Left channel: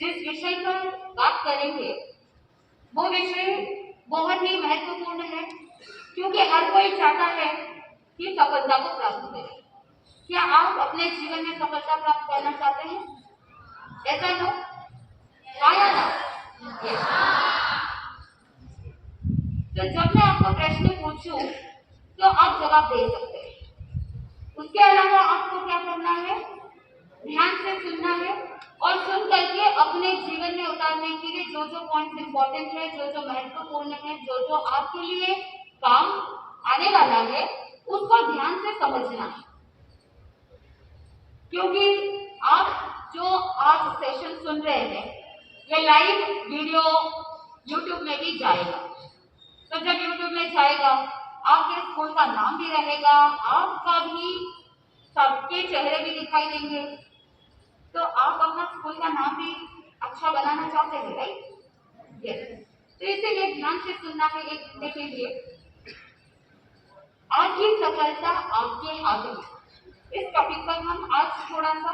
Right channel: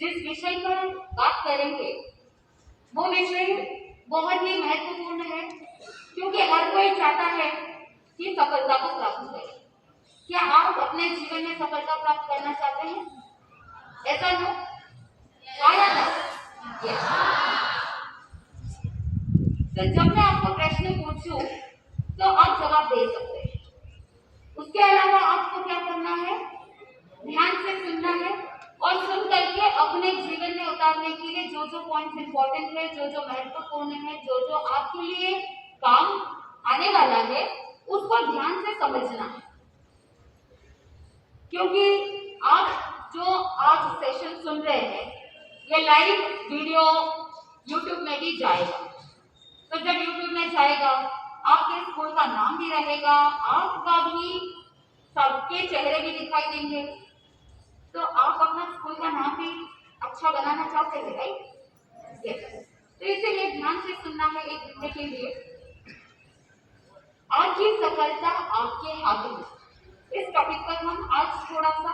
जिस विषय पर बात करेंगे वो विषय बहुत ही महत्वपूर्ण है, क्योंकि हर कोई चाहता है कि सफलता को प्राप्त करे। क्या आप अपने जीवन में सफलता प्राप्त करना चाहते हैं? ऐसा नो? हाँ या ना? यस। तो जब मैं आपको प्रश्न पूछूं तो आप जवाब दे सकते हैं। उसके अलावा आपको क्या करना है? ध्यान से सुनना है और सुन करके अपने जीवन में उतारने के लिए जो जो पॉइंट्स इंपॉर्टेंट है, जो जो महत्वपूर्ण है, जो जो आपके लिए काम आने वाला है, उसको ध्यान से समझना है। क्योंकि आप जो आज सेशन सुन रहे हैं ये लाइव वीडियो YouTube में भी जाएगा। तो जब YouTube में जाएगा आपके स्कूल का नाम भी रहेगा, आपका भी, सबके चेहरे भी दिखाई देंगे। तो आप अपना स्कूल का नाम भी अच्छा बनाना चाहते हैं, राइट? यस। तो इसीलिए ध्यान से सुनना है एक घंटे के लिए। आज की सफलता आपके हाथ में, इस टॉपिक पर हम आज थोड़ा सा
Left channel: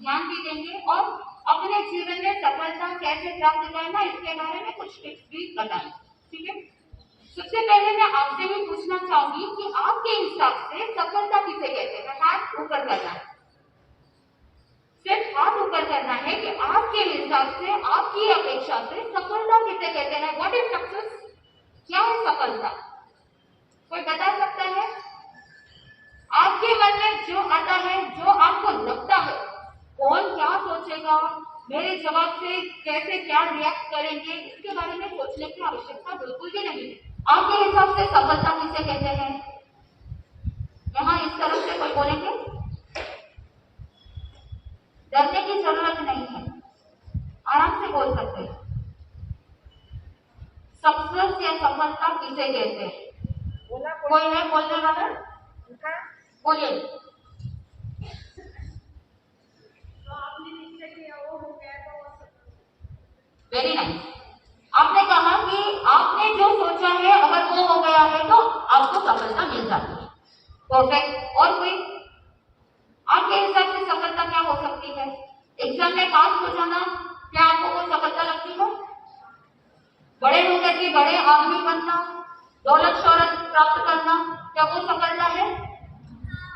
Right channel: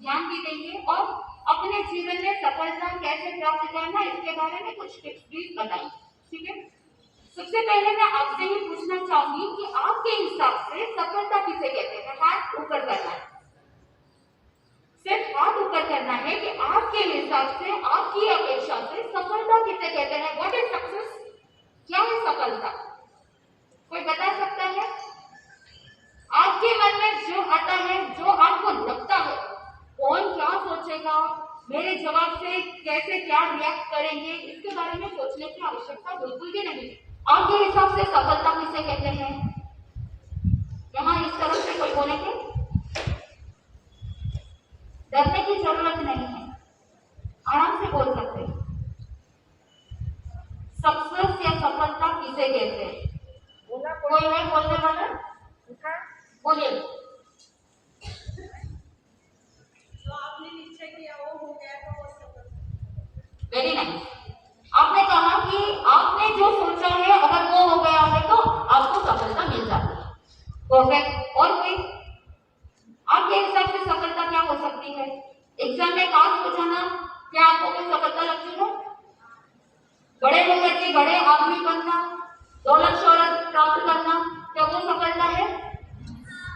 ध्यान भी देंगे और अपने जीवन में सफलता कैसे प्राप्त करना इसके बारे में कुछ टिप्स भी बताएंगे। ठीक है? सबसे पहले मैं आपसे भी पूछना चाहूंगी कि आपके हिसाब से सफलता किसे कहते हैं? हाथ ऊपर करना है, सिर्फ हाथ ऊपर करना है कि आपके हिसाब से, आपकी अपेक्षा से सफलता किसे कहते हैं? What is success? क्या है सफलता? कोई बता सकता है? आपके मन में जो आता है, जो आपको लगता है, कौन क्या सोचेगा, मेरे जवाब से कैसे क्या रिएक्ट करेंगे, इसके बारे में सोचने की आवश्यकता बिल्कुल भी नहीं है। आपके हिसाब से सफलता किसे कहते हैं? यहाँ इस तरफ से कोई बोलेंगे? डरने की जरूरत नहीं है, आराम से बोल सकते हैं। सक्सेस या सफलता किसे कहते हैं? कोई है बोलने वाला? बोलिए। जो आपने निश्चय किया वो हो गया तो सफल। Very nice. आपने कहा कि आपने जो सोचा है अगर वो हो गया है तो आपको सफलता मिल जाती है। परफेक्ट। और कोई? आपके हिसाब से सफलता क्या हो सकती है? एग्जाम में पास हो जाना क्या आपको कोई सफलता लगती है? बड़े होकर के बड़े आदमी बनना, दौलत शोहरत प्राप्त करना, क्या वो सफलता है?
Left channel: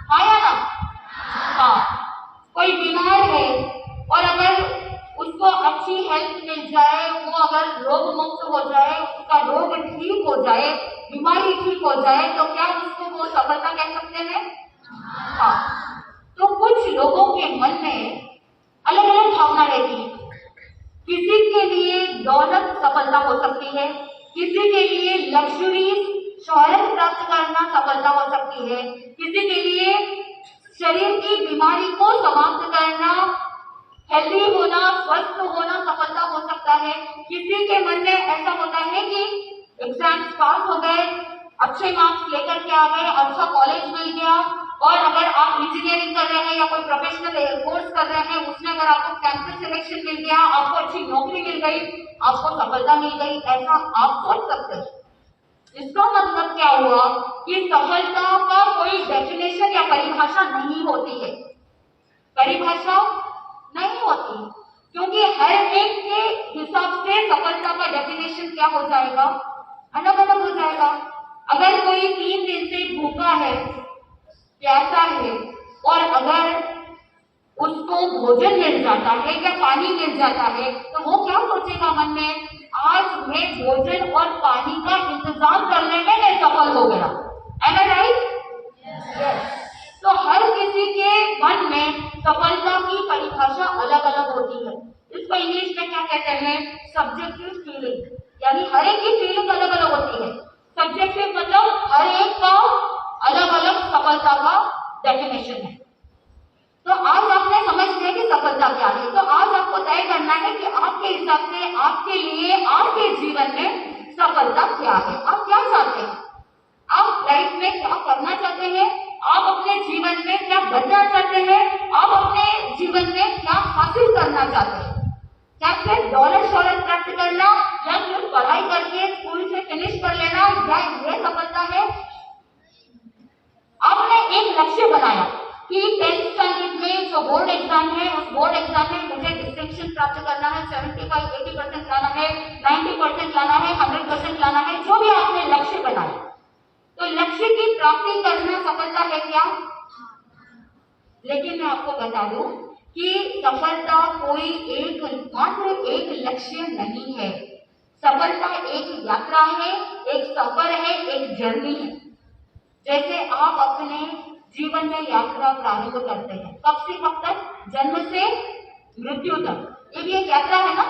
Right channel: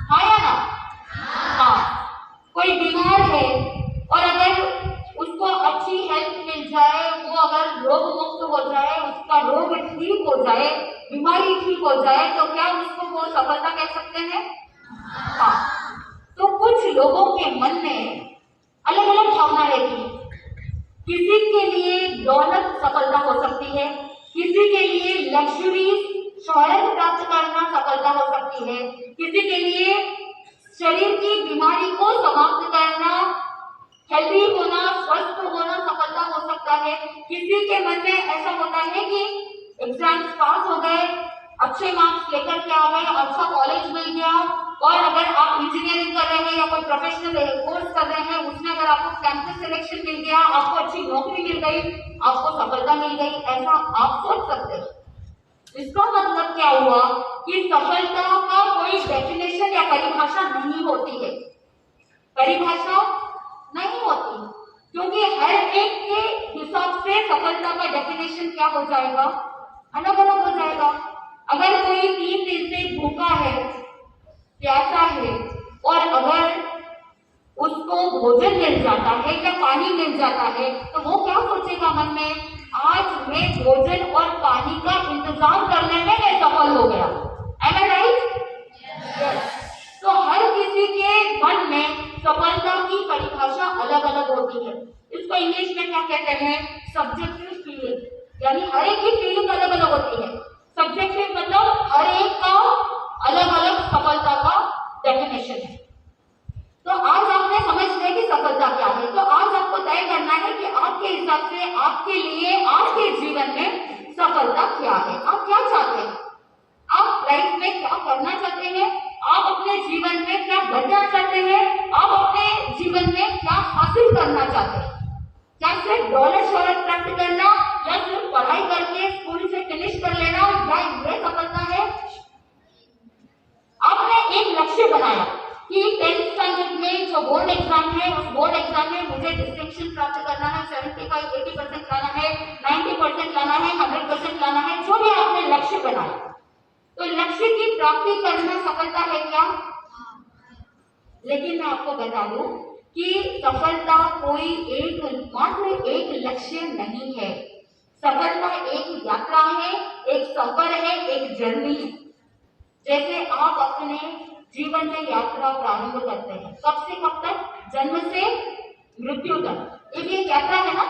हाँ या ना? हाँ। कोई बीमार है और अगर उसको अच्छी हेल्थ मिल जाए, वो अगर रोग मुक्त हो जाए, उसका रोग ठीक हो जाए, बीमारी ठीक हो जाए, तो क्या उसको वो सफलता कह सकते हैं? हाँ। तो कुछ लोगों के मन में अलग अलग भावना रहती है। किसी के लिए दौलत सफलता हो सकती है, किसी के लिए लग्जरी शोहरत प्राप्त करना सफलता हो सकती है, किसी के लिए शरीर की बीमारी को समाप्त करना, हेल्दी होना, स्वस्थ होना सफलता हो सकता है। किसी के मन में ऐसा होता है कि एग्जाम्स पास हो गए, अच्छे मार्क्स लेकर के आ गए, अच्छा कॉलेज मिल गया, और अगर आप इंजीनियरिंग कर रहे हैं या कोई प्रोफेशनल कोर्स कर रहे हैं, उसमें अगर आपको कैंपस सिलेक्शन मिल गया, आपको अच्छी नौकरी मिल गई, आपको सफलता मिल गई, ऐसा आप सोच सकते हैं। इसका मतलब क्या हुआ कि सफलता का कोई डेफिनेशन या परिभाषा नहीं होती है। परिभाषा नहीं होती, क्योंकि हर एक के हिसाब से सफलता का डेफिनेशन क्या हो जाएगा? अलग अलग हो जाएगा। अगर कोई 3 दिन से भूखा है, प्यासा है, और अगर उसको भोजन मिल जाता है या पानी मिल जाता है, तो वो क्या सोचेगा मन में? आज मैं भोजन और पानी का इंतजाम करने में मैं सफल हो गया। Am I right? Yes. तो हर किसी के मन में सफलता की परिभाषा अलग अलग होती है। इसको इंग्लिश में क्या कहते हैं? Subjective feeling. यानी हर एक की फीलिंग अलग अलग होती है। सब्जेक्टिव मतलब हर एक का अलग अलग सफलता का डेफिनेशन है। तो आज आपने समझ लिया कि सफलता क्या है। तो आज आपको तय करना है कि आपके हिसाब से, आपके लिए, आपके जीवन में सफलता क्या है। आप क्या चाहते हैं? आप लाइफ में क्या करना चाहते हैं? आप अपने जीवन में क्या बनना चाहते हैं? आप अपने जीवन में क्या हासिल करना चाहते हैं? क्या सिर्फ दौलत शोहरत प्राप्त करना, या सिर्फ पढ़ाई करके स्कूल से फिनिश कर लेना, या ये सफलता है? आपने एक लक्ष्य बनाया कि 10th स्टैंडर्ड में जो बोर्ड एग्जाम है, उस बोर्ड एग्जाम में मुझे डिस्टिंक्शन प्राप्त करना है, 70 75, 80% लाना है, 90% लाना है, 100% लाना है, जो भी आपने लक्ष्य बनाया, तो लक्ष्य की प्राप्ति करना सफलता है क्या? लेकिन मैं आपको बता दूं कि सफलता कोई मात्र एक लक्ष्य नहीं है। सफलता एक यात्रा है, एक सफर है, एक जर्नी है। जैसे आप अपने जीवन में यात्रा प्रारंभ करते हैं, कब से कब तक? जन्म से मृत्यु तक। ये भी एक यात्रा है ना।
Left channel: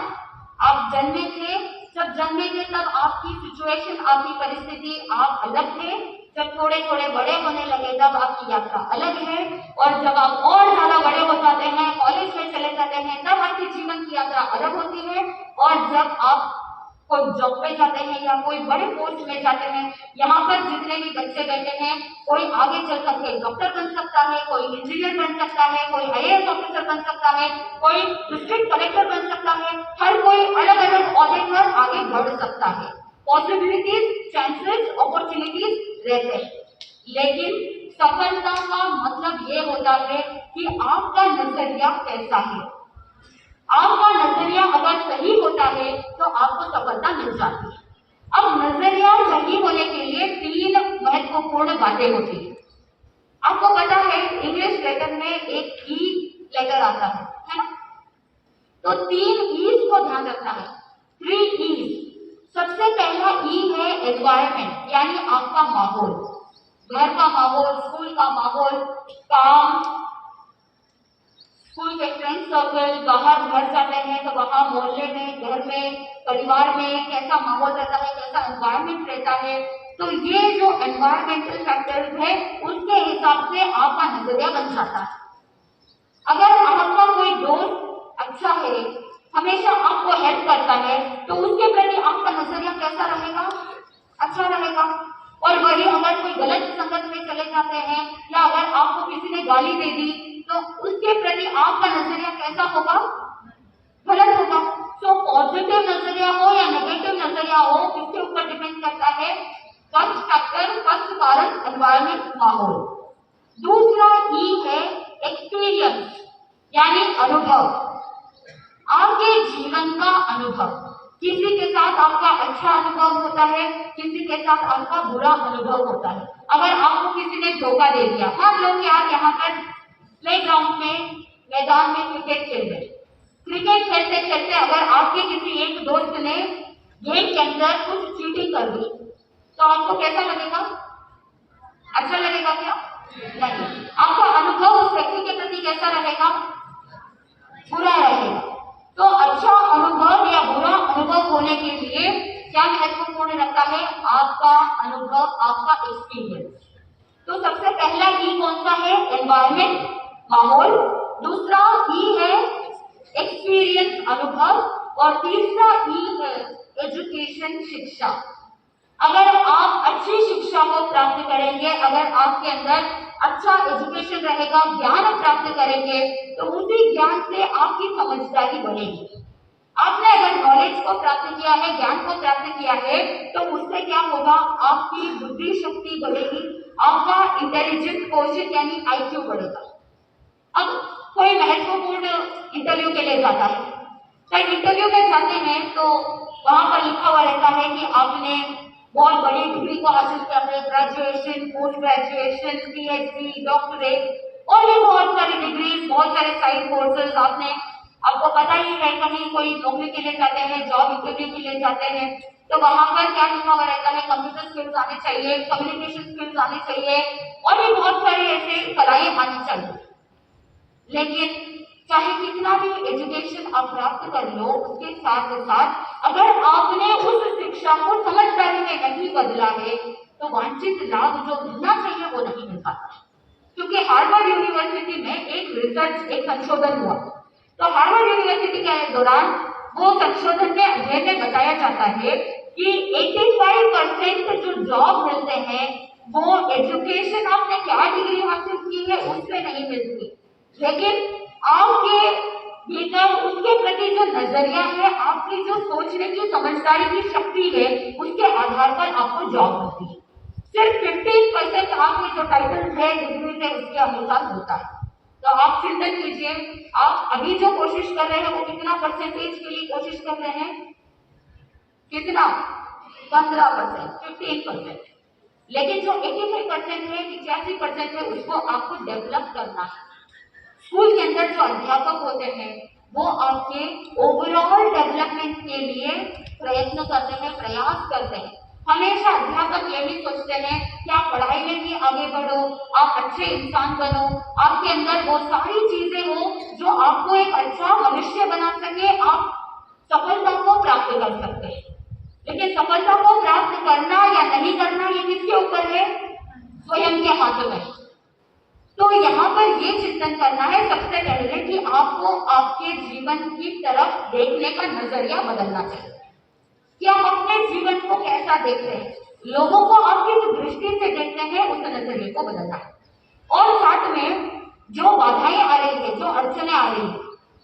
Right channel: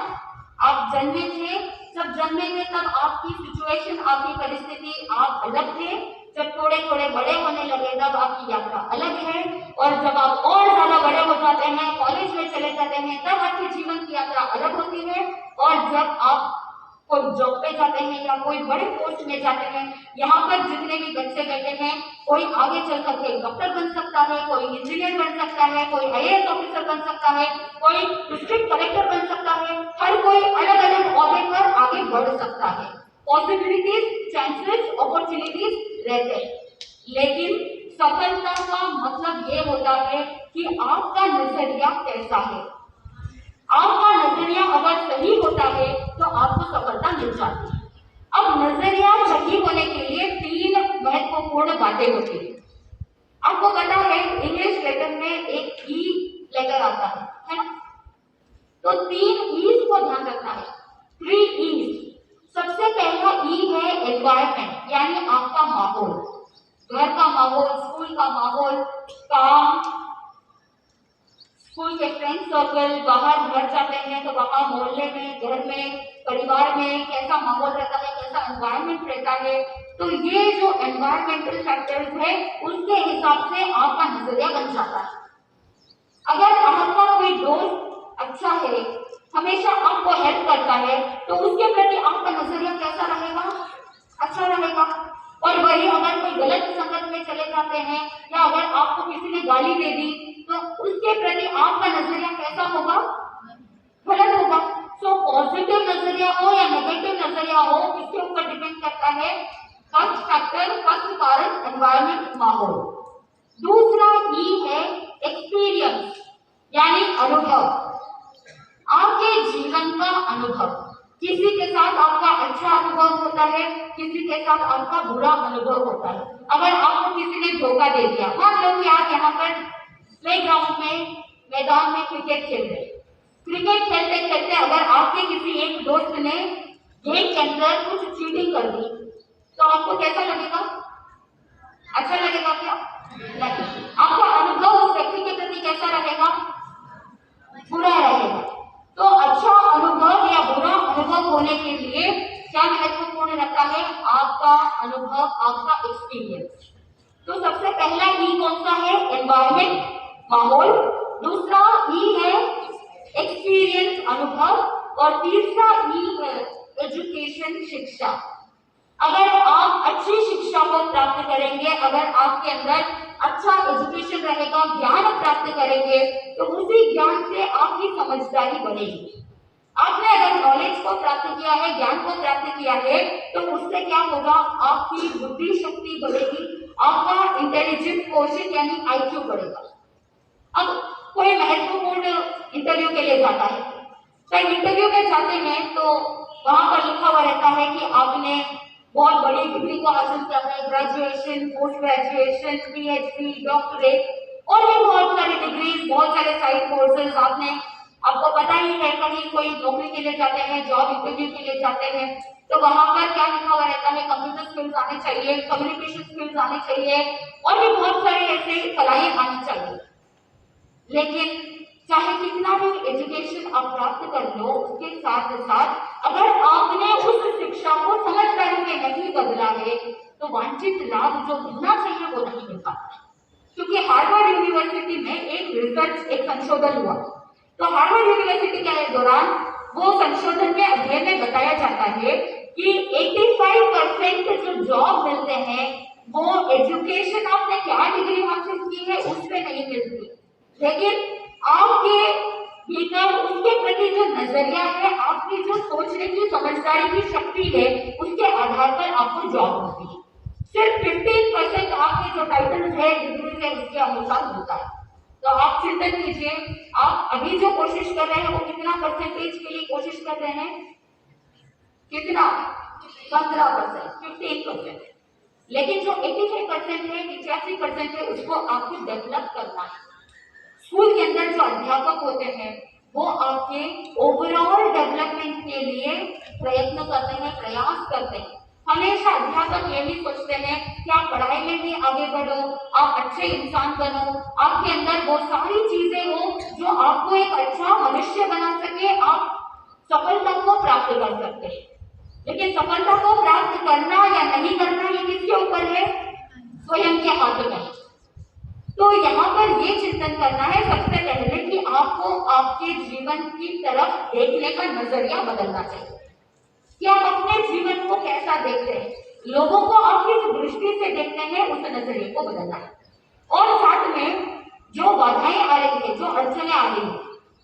आप जन्मे थे, जब जन्मे थे तब आपकी सिचुएशन, आपकी परिस्थिति, आप अलग थे। जब थोड़े थोड़े बड़े होने लगे तब आपकी यात्रा अलग है, और जब आप और ज्यादा बड़े हो जाते हैं, कॉलेज में चले जाते हैं, तब आपके जीवन की यात्रा अलग होती है। और जब आप कोई जॉब पे जाते हैं या कोई बड़े पोस्ट में जाते हैं, यहाँ पर जितने भी बच्चे बैठे हैं, कोई आगे चल करके डॉक्टर बन सकता है, कोई इंजीनियर बन सकता है, कोई आईएएस ऑफिसर बन सकता है, कोई डिस्ट्रिक्ट कलेक्टर बन सकता है। हर कोई अलग अलग ओहदे पर आगे बढ़ सकता है। पॉसिबिलिटीज, चांसेस, अपॉर्चुनिटीज रहते हैं। लेकिन सफलता का मतलब ये होता है कि आपका नजरिया कैसा है। आपका नजरिया अगर सही होता है तो आपको सफलता मिल जाती है। अब नजरिया सही होने के लिए 3 महत्वपूर्ण बातें होती है। आपको पता है इंग्लिश लेटर में एक ई लेटर आता है ना? तो 3 ईज को ध्यान रखना है। 3 ईज। सबसे पहला ई है एनवायरमेंट, यानी आपका माहौल, घर का माहौल, स्कूल का माहौल, काम, स्कूल के फ्रेंड सर्कल, बाहर घर जाते हैं तो वहाँ मोहल्ले में, घर में, परिवार में कैसा माहौल रहता है, कैसा एनवायरमेंट रहता है। तो ये जो एनवायरमेंटल फैक्टर्स है, उसके हिसाब से आपका नजरिया बन जाता है। अगर आपका कोई दोस्त अच्छा है, हमेशा आपको हेल्प करता है, तो उसके प्रति आपका नजरिया कैसा रहेगा? अच्छा रहेगा। और वही अगर कोई गलत संगत में चले जाते हैं, या अगर आपको किसी ने गाली दे दी, तो उसके प्रति आपका नजरिया कैसा होगा? गलत होगा। सो पॉजिटिव नजरिया हो या नेगेटिव नजरिया हो, इसके ऊपर डिपेंड करता है फर्स्ट फैक्टर, फर्स्ट कारण एनवायरमेंट, माहौल। दूसरा ई है एक्सपीरियंस, यानी अनुभव, आपके जीवन का अनुभव। किसी के साथ आपका अच्छा अनुभव होता है, किसी के साथ आपका बुरा अनुभव होता है। अगर आपको किसी ने धोखा दे दिया, मान लो कि आप यहाँ पर प्लेग्राउंड में, मैदान में क्रिकेट खेल रहे, क्रिकेट खेलते खेलते अगर आपके किसी एक दोस्त ने गेम के अंदर कुछ चीटिंग कर दी, तो आपको कैसा लगेगा? अच्छा लगेगा क्या? नहीं। आपका अनुभव उस व्यक्ति के प्रति कैसा रहेगा? बुरा रहेगा। तो अच्छा अनुभव या बुरा अनुभव होने के लिए क्या महत्वपूर्ण रखता है? आपका अनुभव, आपका एक्सपीरियंस। तो सबसे पहला ई कौन सा है? एनवायरमेंट, माहौल। दूसरा ई है एक्सपीरियंस, अनुभव। और तीसरा ई है एजुकेशन, शिक्षा। अगर आप अच्छी शिक्षा को प्राप्त करेंगे, अगर आपके अंदर अच्छा एजुकेशन रहेगा, ज्ञान प्राप्त करेंगे, तो उसी ज्ञान से आपकी समझदारी बढ़ेगी। आपने अगर नॉलेज को प्राप्त किया है, ज्ञान को प्राप्त किया है, तो उससे क्या होगा? आपकी बुद्धि शक्ति बढ़ेगी, आपका इंटेलिजेंट कोशेंट यानी आईक्यू बढ़ेगा। अब कोई महत्वपूर्ण इंटरव्यू के लिए जाता है, तो इंटरव्यू में जाते हैं तो वहां पर लिखा हुआ रहता है कि आपने बहुत बड़ी डिग्री को हासिल किया है, graduation, post graduation, PhD, doctorate, और भी बहुत सारी डिग्रीज, बहुत सारे साइड कोर्सेज आपको पता ही है। कहीं कोई नौकरी के लिए जाते हैं, जॉब इंटरव्यू के लिए जाते हैं, तो वहां पर क्या लिखा हुआ रहता है? कंप्यूटर स्किल्स आने चाहिए, कम्युनिकेशन स्किल्स आने चाहिए, और भी बहुत सारी ऐसे कलाएं आनी चाहिए। लेकिन चाहे कितना भी एजुकेशन आप प्राप्त कर लो, उसके साथ साथ अगर आपने उस शिक्षा को समझदारी में नहीं बदला है, तो वांछित लाभ जो मिलना चाहिए वो नहीं मिल पाता। क्योंकि हार्वर्ड यूनिवर्सिटी में एक रिसर्च, एक संशोधन हुआ, तो हार्वर्ड यूनिवर्सिटी के दौरान वो संशोधन के अध्ययन में बताया जाता है कि 85% जो जॉब मिलते हैं वो एजुकेशन, आपने क्या डिग्री हासिल की है उससे नहीं मिलती, लेकिन आपके भीतर उसके प्रति जो नजरिया है, आपकी जो सोचने की, समझदारी की शक्ति है, उसके आधार पर आपको जॉब मिलती है। सिर्फ 15% आपके जो टाइटल है डिग्री से, उसके अनुसार होता है। तो आप चिंतन कीजिए, आप अभी जो कोशिश कर रहे हैं वो कितना परसेंटेज के लिए कोशिश कर रहे हैं, कितना, 15%, 15%। लेकिन जो 85% है, 85% है, उसको आपको डेवलप करना है। स्कूल के अंदर जो अध्यापक होते हैं वो आपके ओवरऑल डेवलपमेंट के लिए प्रयत्न करते हैं, प्रयास करते हैं। हमेशा अध्यापक ये नहीं सोचते हैं कि आप पढ़ाई में भी आगे बढ़ो, आप अच्छे इंसान बनो, आपके अंदर वो सारी चीजें हो जो आपको एक अच्छा भविष्य बना सके, आप सफलता को प्राप्त कर सकते हैं। लेकिन सफलता को प्राप्त करना या नहीं करना ये किसके ऊपर है, स्वयं के हाथ में। तो यहाँ पर ये चिंतन करना है सबसे पहले कि आपको आपके जीवन की तरफ देखने का नजरिया बदलना चाहिए कि आप अपने जीवन को कैसा देखते हैं, लोगों को आप किस दृष्टि से देखते हैं, उस नजरिए को बदलना है। और साथ में जो बाधाएं आ रही है, जो अड़चने आ रही है,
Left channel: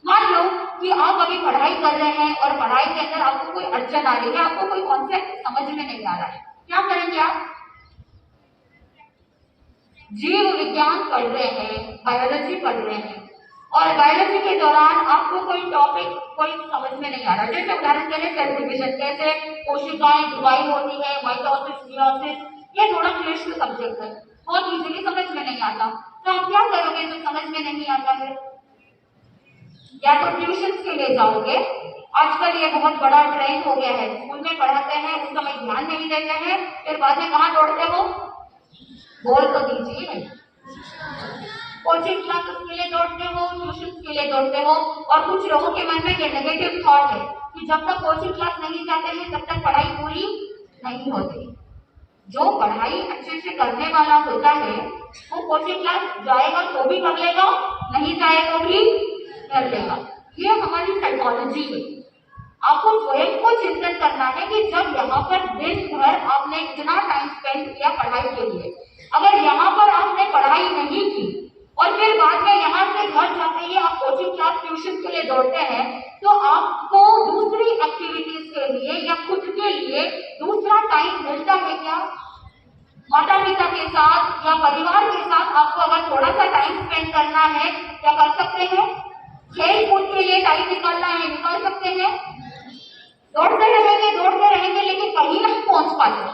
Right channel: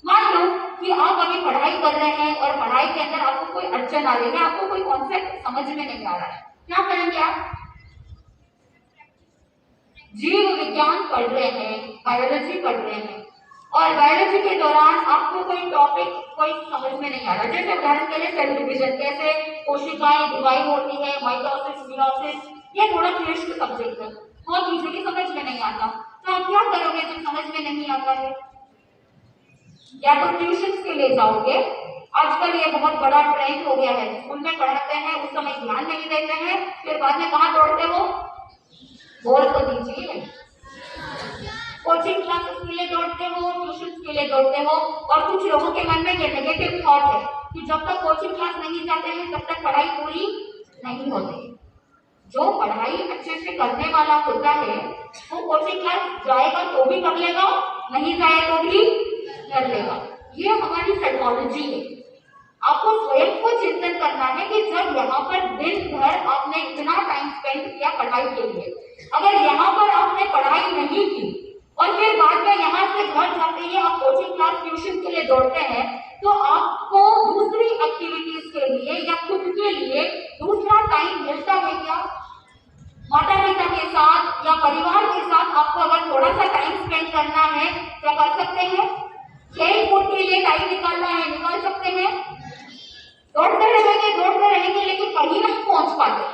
मान लो कि आप अभी पढ़ाई कर रहे हैं और पढ़ाई के अंदर आपको कोई अड़चन आ रही है, आपको कोई कॉन्सेप्ट समझ में नहीं आ रहा है, क्या करेंगे आप, जीव विज्ञान पढ़ रहे हैं, बायोलॉजी पढ़ रहे हैं, और बायोलॉजी के दौरान आपको कोई टॉपिक कोई समझ में नहीं आ रहा, जैसे उदाहरण के लिए सेल डिवीजन, कैसे कोशिकाएं डिवाइड होती है, माइटोसिस, मियोसिस, ये थोड़ा क्लिष्ट सब्जेक्ट है, बहुत इजीली समझ में नहीं आता। तो आप क्या करोगे जो समझ में नहीं आता है, या तो ट्यूशन के लिए जाओगे। आजकल ये बहुत बड़ा ट्रेंड हो गया है, स्कूल में पढ़ाते हैं, उस समय ध्यान नहीं देते हैं, फिर बाद में कहाँ दौड़ते हो, बोल तो दीजिए, कोचिंग क्लासेस के लिए दौड़ते हो, ट्यूशन के लिए दौड़ते हो। और कुछ लोगों के मन में ये नेगेटिव थॉट है कि जब तक कोचिंग क्लास नहीं जाते हैं तब तक पढ़ाई पूरी नहीं होती। जो पढ़ाई अच्छे से करने वाला होता है वो कोचिंग क्लास जाएगा तो भी कर लेगा, नहीं जाए तो भी कर लेगा। ये हमारी साइकोलॉजी है। आपको स्वयं को चिंतन करना है कि जब यहाँ पर दिन भर आपने इतना टाइम स्पेंड किया पढ़ाई के लिए, अगर यहाँ पर आपने पढ़ाई नहीं की और फिर बाद में यहाँ से घर जाते ही आप कोचिंग क्लास, ट्यूशन के लिए दौड़ते हैं, तो आपको दूसरी एक्टिविटीज के लिए या खुद के लिए दूसरा टाइम मिलता है क्या? माता पिता के साथ या परिवार के साथ आपको अगर थोड़ा सा टाइम स्पेंड करना है, क्या कर सकते हैं? खेल कूद के लिए टाइम निकालना है, निकाल सकते हैं। दौड़ते रहेंगे लेकिन कहीं नहीं पहुंच पाते।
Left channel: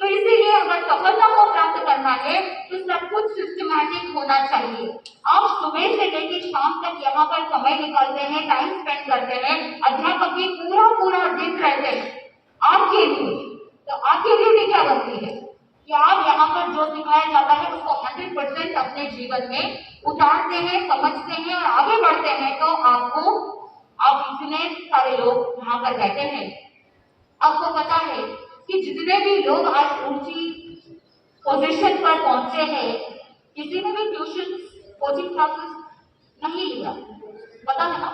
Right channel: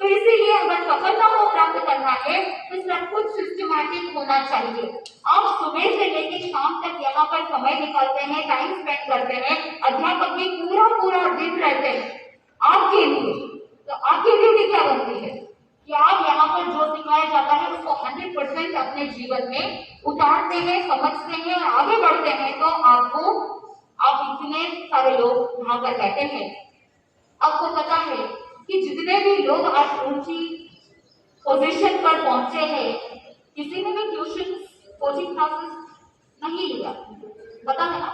तो इसीलिए अगर सफलता को प्राप्त करना है तो सब कुछ सिस्टमैटिक होना चाहिए। आप सुबह से लेकर शाम तक यहाँ पर समय निकालते हैं, टाइम स्पेंड करते हैं, अध्यापक भी पूरा दिन रहते हैं आपके लिए। तो आपकी ड्यूटी क्या बनती है कि आप यहाँ पर जो सिखाया जाता है उसको 100% अपने जीवन में उतारते हैं, समझते हैं और आगे बढ़ते हैं। तो आप इतने सारे लोग यहाँ पर बैठे हैं, आपको पता है कि जितने भी लोग आज ऊंची पोजीशन पर पहुंचे हैं, किसी ने भी ट्यूशन, कोचिंग क्लासेस नहीं लिया, पता है ना।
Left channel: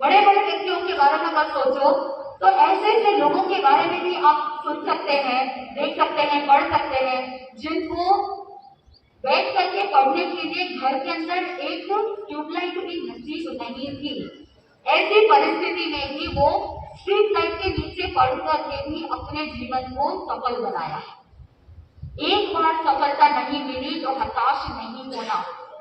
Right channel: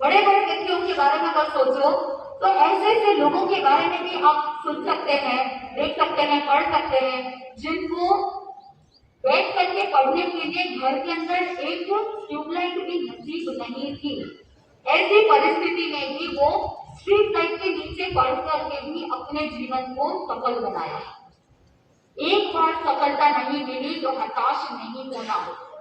बड़े बड़े व्यक्तियों के बारे में अगर सोचो तो ऐसे लोगों के बारे में भी आप सुन सकते हैं, देख सकते हैं, पढ़ सकते हैं, जिनको बैठ करके पढ़ने के लिए घर के अंदर एक ट्यूबलाइट भी नसीब नहीं थी। ऐसी परिस्थिति में भी वो स्ट्रीट लाइट के नीचे पढ़ करके भी अपने जीवन को सफल बनाया है। एक बार सफलता नहीं मिली तो हताश नहीं होना।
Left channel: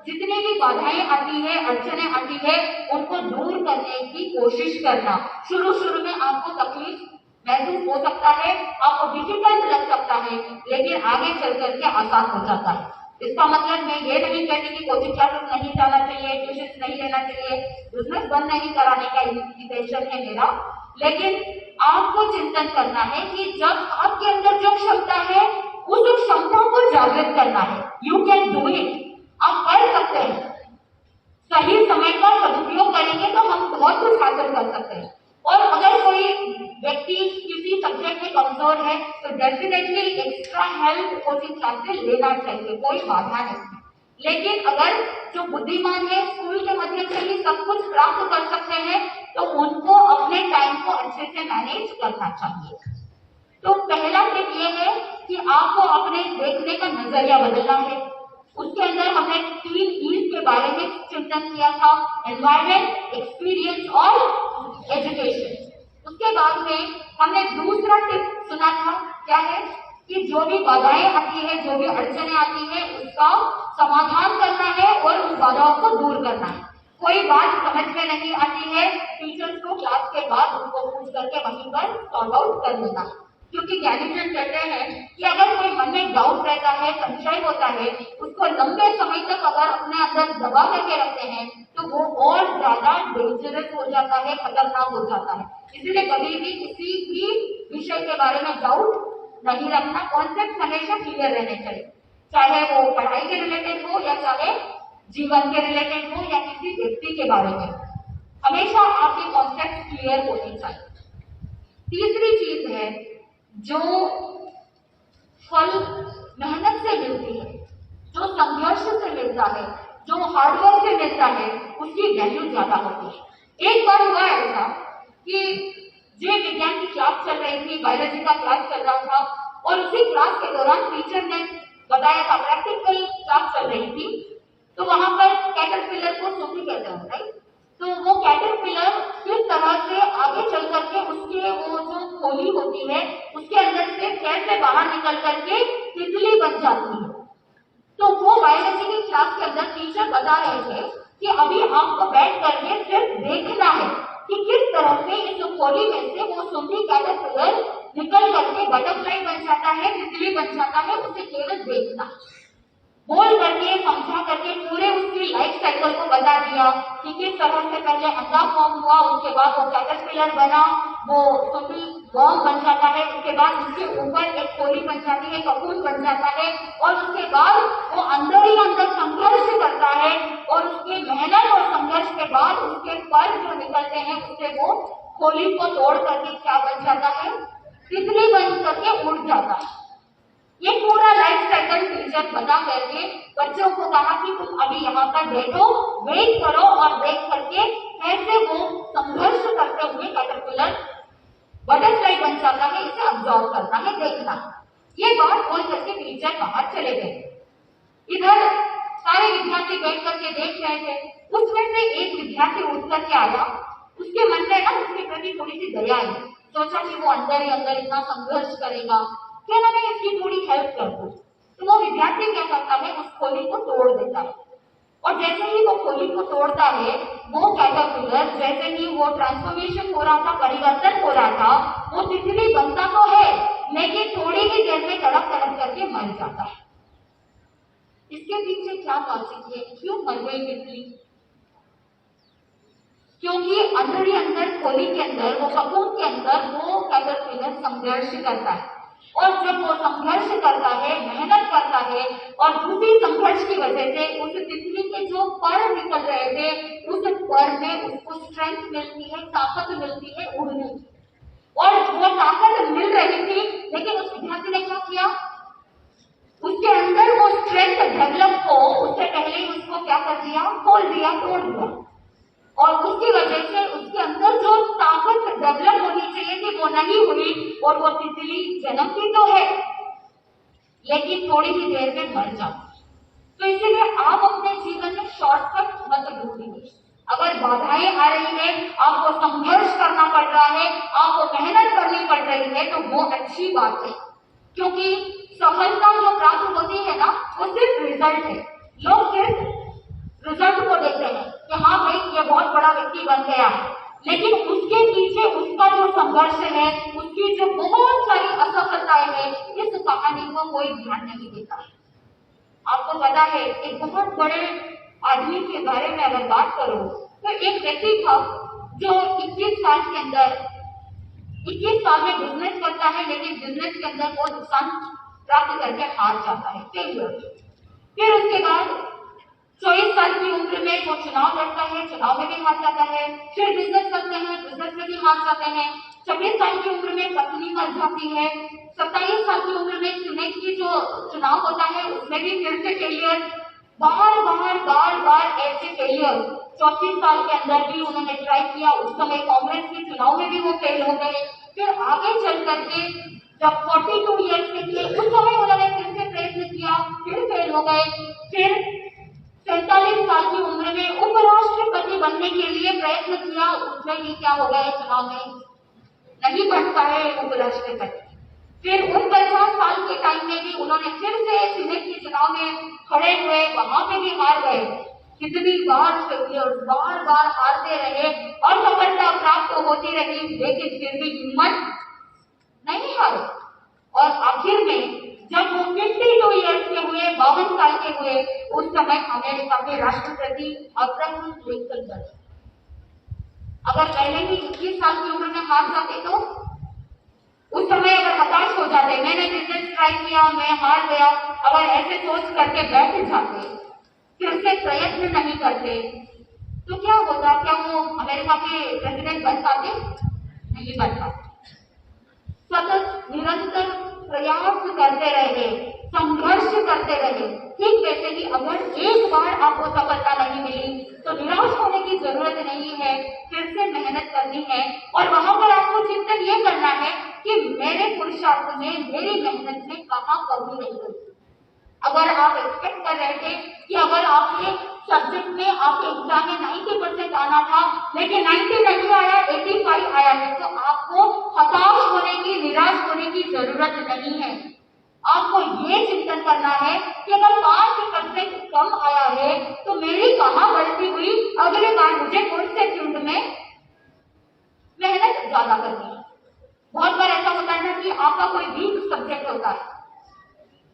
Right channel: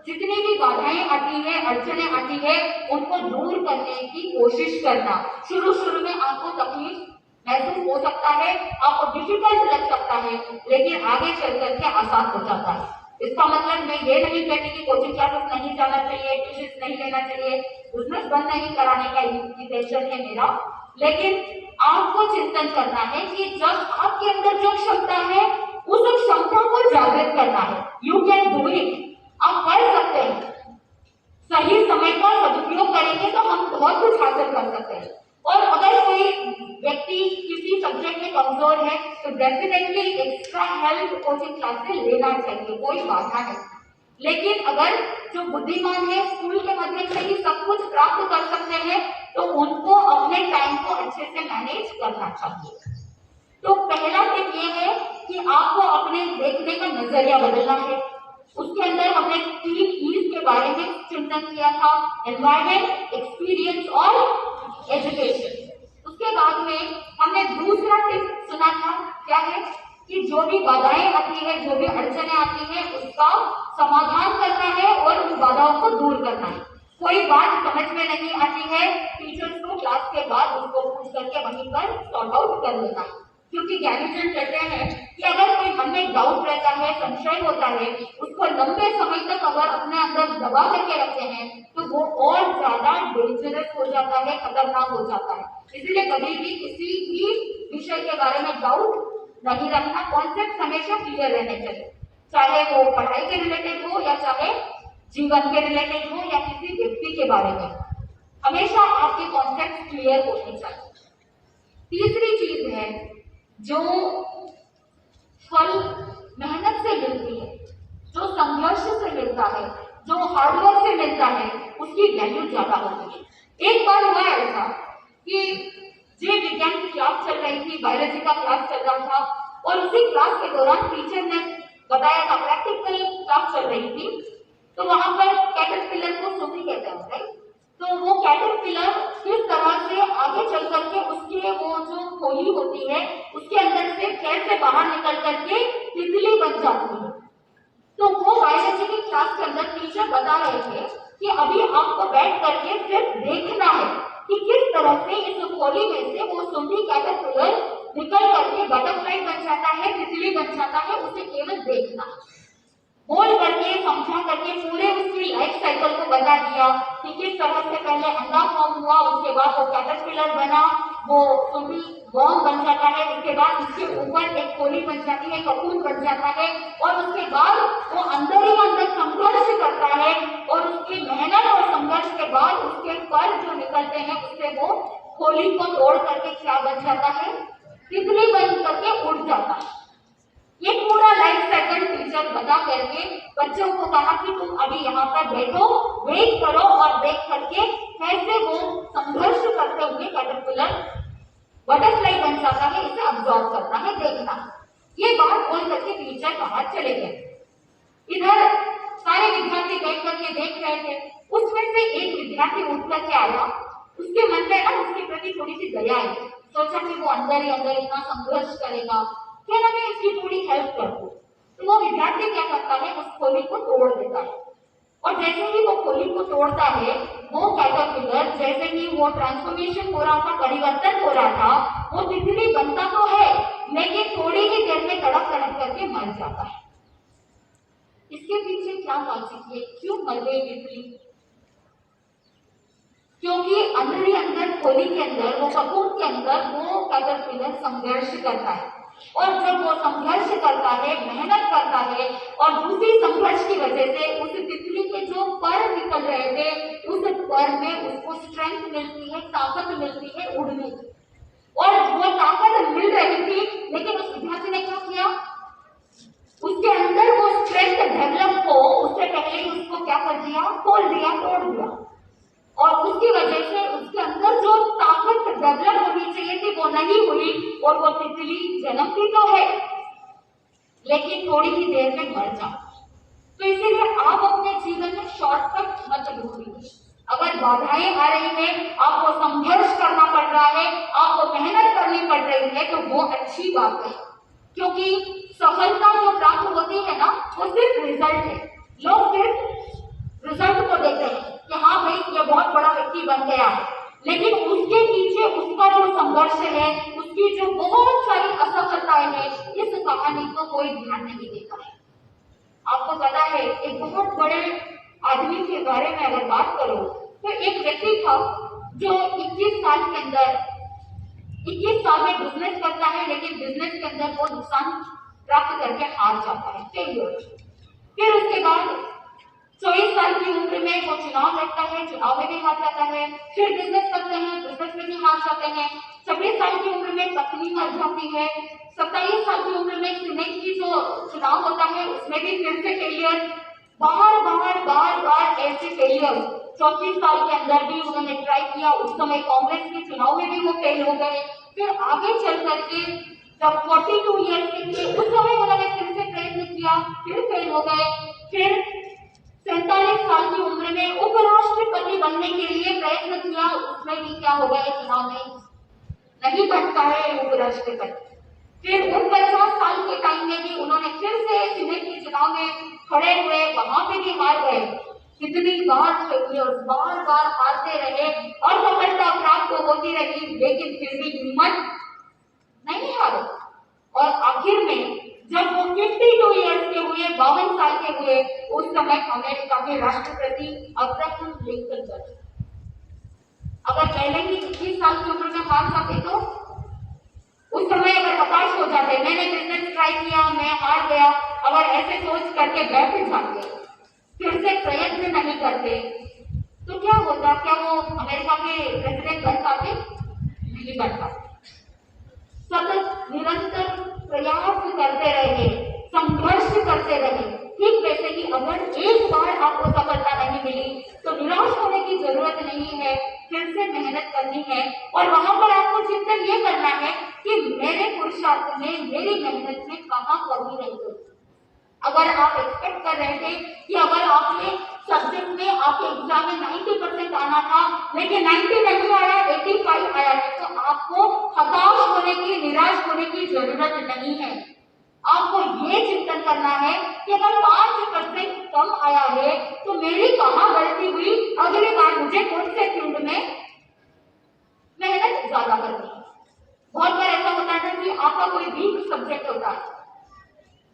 जितनी भी बाधाएं आती है, अड़चने आती है, उनको दूर करने की कोशिश करना। शुरू में आपको तकलीफ महसूस हो सकता है, आपको डिफिकल्ट लग सकता है, लेकिन आगे चल करके आसान हो जाता है। इसका मतलब मैं ये नहीं कहती कि कोचिंग क्लासेस नहीं जाना चाहिए, ट्यूशन नहीं लेना चाहिए, बिजनेस बंद नहीं कराने का इंटेंशन है मेरा। लेकिन आपको चिंतन करना है कि जब आपके अंदर जो क्षमता है उस क्षमता को जागृत करना है। यू कैन डू इट, आप कर सकते हैं। सही समय का सदुपयोग करेंगे तो हम बहुत कुछ हासिल कर सकते हैं। और अगर कोई व्यक्ति किसी सब्जेक्ट में कमजोर है तो definitely extra help coaching class से लेना चाहिए, कोई बाधा नहीं। लेकिन अगर जो बुद्धिमान है स्कूल के माध्यम से ही सब कुछ प्राप्त कर सकते हैं तो उनको अपने टाइम को अच्छे से मैनेज करना चाहिए। तो पहला टिप ये है कि आपको अपने देखने का नजरिया बदलना है। उसके अंदर हमने 3 ईज के बारे में चिंतन किया था, एनवायरमेंट, एक्सपीरियंस और एजुकेशन। उसके बाद में हमने दूसरा टिप सुना था, क्या है कि जो भी बाधाएं आती है, जो भी अड़चने आती है, उसका समाधान करना है और उन बाधाओं को पर सॉर्ट आउट कर लेना है। क्योंकि ज्ञानीजन कहते हैं कि अगर कोई मन में डाउट रहता है, संशय होता है, उसको लंबे समय तक अगर अपने अंदर दबा करके रखते हैं तो वो और ज्यादा डेंजरस हो जाता है, खतरनाक हो जाता है। इसलिए कभी भी किसी भी विषय के बारे में डाउट नहीं रखना, कॉन्सेप्ट हमेशा क्लियर रहने चाहिए, चाहे वो पढ़ाई के रिलेटेड हो या चाहे जीवन के रिलेटेड हो या किसी व्यक्ति के बारे में, हमेशा आपके कॉन्सेप्ट क्लियर होने चाहिए। तीसरी चीज है जो फल मेहनत से मिलती है, जो संघर्ष से मिलता है, जो हार्डवर्क से मिलता है, उसकी वैल्यू ज्यादा होती है। एक बार हुआ ऐसा कि जीव विज्ञान की क्लास चल रही थी, बायोलॉजी का क्लास चल रहा था और उसी क्लास के दौरान टीचर ने बताया था, प्रैक्टिकल क्लास चल रही थी, तो वहां पर कैटरपिलर को सूती कहते हैं, राइट? तो वो कैटरपिलर किस तरह से आगे चल करके उसके वो जो खोली होती है उसके अंदर से कैसे बाहर निकल करके तितली बन जाती है। तो वो बायोलॉजी की क्लास के अंदर टीचर बता रहे थे कि अभी आपको बैठ करके सिर्फ देखना है कि किस तरह से इस खोली में से वो सूती कैटरपिलर निकल करके बटरफ्लाई बन जाता है, तितली बन जाता है, उसे केवल देखना। बोल करके समझा करके पूरे उसकी लाइफ साइकिल को बता दिया कि किस तरह से पहले अंडा फॉर्म हुआ, उसके बाद वो कैटरपिलर बना, वो सूती वर्म बन जाता है, उसके बाद उसके ऊपर एक खोली बन जाती है, ककून बन जाता है और उसके बाद वो अंदर ही अंदर संघर्ष करता है और उसकी मेहनत और संघर्ष के बाद उसके पर जो निकलते हैं उससे वो खोली को तोड़ करके क्या बन जाता है, तितली बन करके उड़ जाता है। ये पूरा लाइफ साइकिल टीचर बता करके बच्चों को कहा कि तुम अभी यहाँ पर बैठो, वेट करो और देख करके कैसे वो संघर्ष करते हुए कैटरपिलर बटरफ्लाई बन जाता है, इसे ऑब्जर्व करना है, देखना। ये बात बोल करके टीचर बाहर चले गए। इधर सारे विद्यार्थी बैठ करके देख रहे थे। उसमें से एक विद्यार्थी उठ करके आया, उसके मन में ना उसके प्रति थोड़ी सी दया आई, सोचा कि वो अंदर ही अंदर इतना संघर्ष करेगा, क्या ना मैं इसकी थोड़ी हेल्प कर दूं। तो वो विद्यार्थी क्या करता है, उस खोली को तोड़ देता है और जैसे ही वो खोली को तोड़ता है, वो कैटरपिलर जैसे ही वो ट्रांसफॉर्मेशन हो रहा था, परिवर्तन हो रहा था, वो तितली बनता तो है लेकिन थोड़ी ही देर में तड़प तड़प करके मर जाता है। इसके पीछे क्या लॉजिक है, क्यों मर गई तितली? क्योंकि अंदर ही अंदर खोली के अंदर, वो ककून के अंदर वो कैटरपिलर संघर्ष करता है और जब वो संघर्ष करता है, मेहनत करता है और उसी संघर्ष की वजह से उस तितली के जो पर निकल रहे थे, उस पर में उसको स्ट्रेंथ मिलती है, ताकत मिलती है उड़ने की, और वो ताकत मिल रही थी। लेकिन उस विद्यार्थी ने क्या किया, उसके अंदर वो स्ट्रेंथ डेवलप हो उससे पहले ही उसको क्या कर दिया, खोल दिया, तोड़ दिया, और उसकी वजह से उसके अंदर जो ताकत डेवलप होनी चाहिए थी वो नहीं हुई और वो तितली जन्मती तो है लेकिन थोड़ी ही देर में मर जाती। तो इसीलिए आप अपने जीवन में शॉर्टकट मत ढूंढिए। अगर बाधाएं आ रही है, आपको संघर्ष करना पड़ रहा है, आपको मेहनत करनी पड़ रही है, तो वो अच्छी बात है, क्योंकि सफलता जो प्राप्त होती है ना, वो सिर्फ रिजल्ट है। लोग सिर्फ रिजल्ट को देखते हैं कि हाँ भाई ये बहुत बड़ा व्यक्ति बन गया है, लेकिन उसके पीछे उसका जो संघर्ष है, उसकी जो बहुत सारी असफलताएं हैं, इस कहानी को कोई ध्यान नहीं देता है। आपको पता है, एक बहुत बड़े आदमी के बारे में अगर बात करो तो एक व्यक्ति था जो 21 साल के अंदर 21 साल में बिजनेस करता है, लेकिन बिजनेस के अंदर वो नुकसान प्राप्त करके हार जाता है, फेलियर। फिर उसके बाद 24 साल की उम्र में वो चुनाव लड़ता है, चुनाव में भी हार जाता है, फिर बिजनेस करते हैं, बिजनेस में भी हार जाते हैं। 26 साल की उम्र में पत्नी मर जाती है। 27 साल की उम्र में सीनेट की जो चुनाव होता है उसमें भी फिर से फेलियर, बार बार ऐसे फेलियर। 34 साल के अंदर भी उन्होंने ट्राई किया, उस समय कांग्रेस के चुनाव में भी वो फेल हो गए। फिर आगे चल करके जब 42 ईयर्स के थे उस समय उन्होंने फिर से प्रयत्न किया, फिर फेल हो गए। फिर 47 साल की उम्र में उपराष्ट्रपति बनने के लिए प्रयत्न किया, उसमें भी क्या हो गया, चुनाव में नहीं बनता है उपराष्ट्रपति। फिर 49 साल के टाइम में भी उन्होंने फिर से सीनेट के चुनाव में खड़े हुए, वहां पे भी हार गए। कितनी बार फेलियर, बार हारते रहे, असफलता प्राप्त होती रही, लेकिन फिर भी हिम्मत अगर पहले ही 21 साल की उम्र में हार जाते तो उस समय अगर हताश हो जाते, मैंने बिजनेस ट्राई किया, मैं हार गया, अगर ऐसे सोच करके बैठ जाते, फिर से प्रयत्न नहीं करते, तो क्या होता? क्या वो अमेरिका के प्रेसिडेंट बन पाते? नहीं बन पाते। सतत निरंतर प्रयास करते रहे, संघर्ष करते रहे। ठीक वैसे ही अगर एक बार आपको सफलता नहीं मिली तो निराश होने की जरूरत नहीं है, फिर से मेहनत करनी है और वहां पर आपको चिंतन ये करना है कि मेरे पुरुषार्थ में, मेरी मेहनत में कहाँ कमी रह गई। अगर आप एक्सपेक्ट कर रहे थे कि अगर आपके सब्जेक्ट में आपके एग्जाम में 90% आना था लेकिन 90 नहीं आया, 85 आया है, तो आपको हताश होने की, निराश होने की जरूरत नहीं है। आपको ये चिंतन करना है कि अगर 5% कम आया है तो मेरी कहाँ गलती हुई, अगली बार मुझे कौन से फील्ड में मेहनत ज्यादा करनी है। बहुत बार ऐसा होता है कि आपका कोई वीक सब्जेक्ट होता है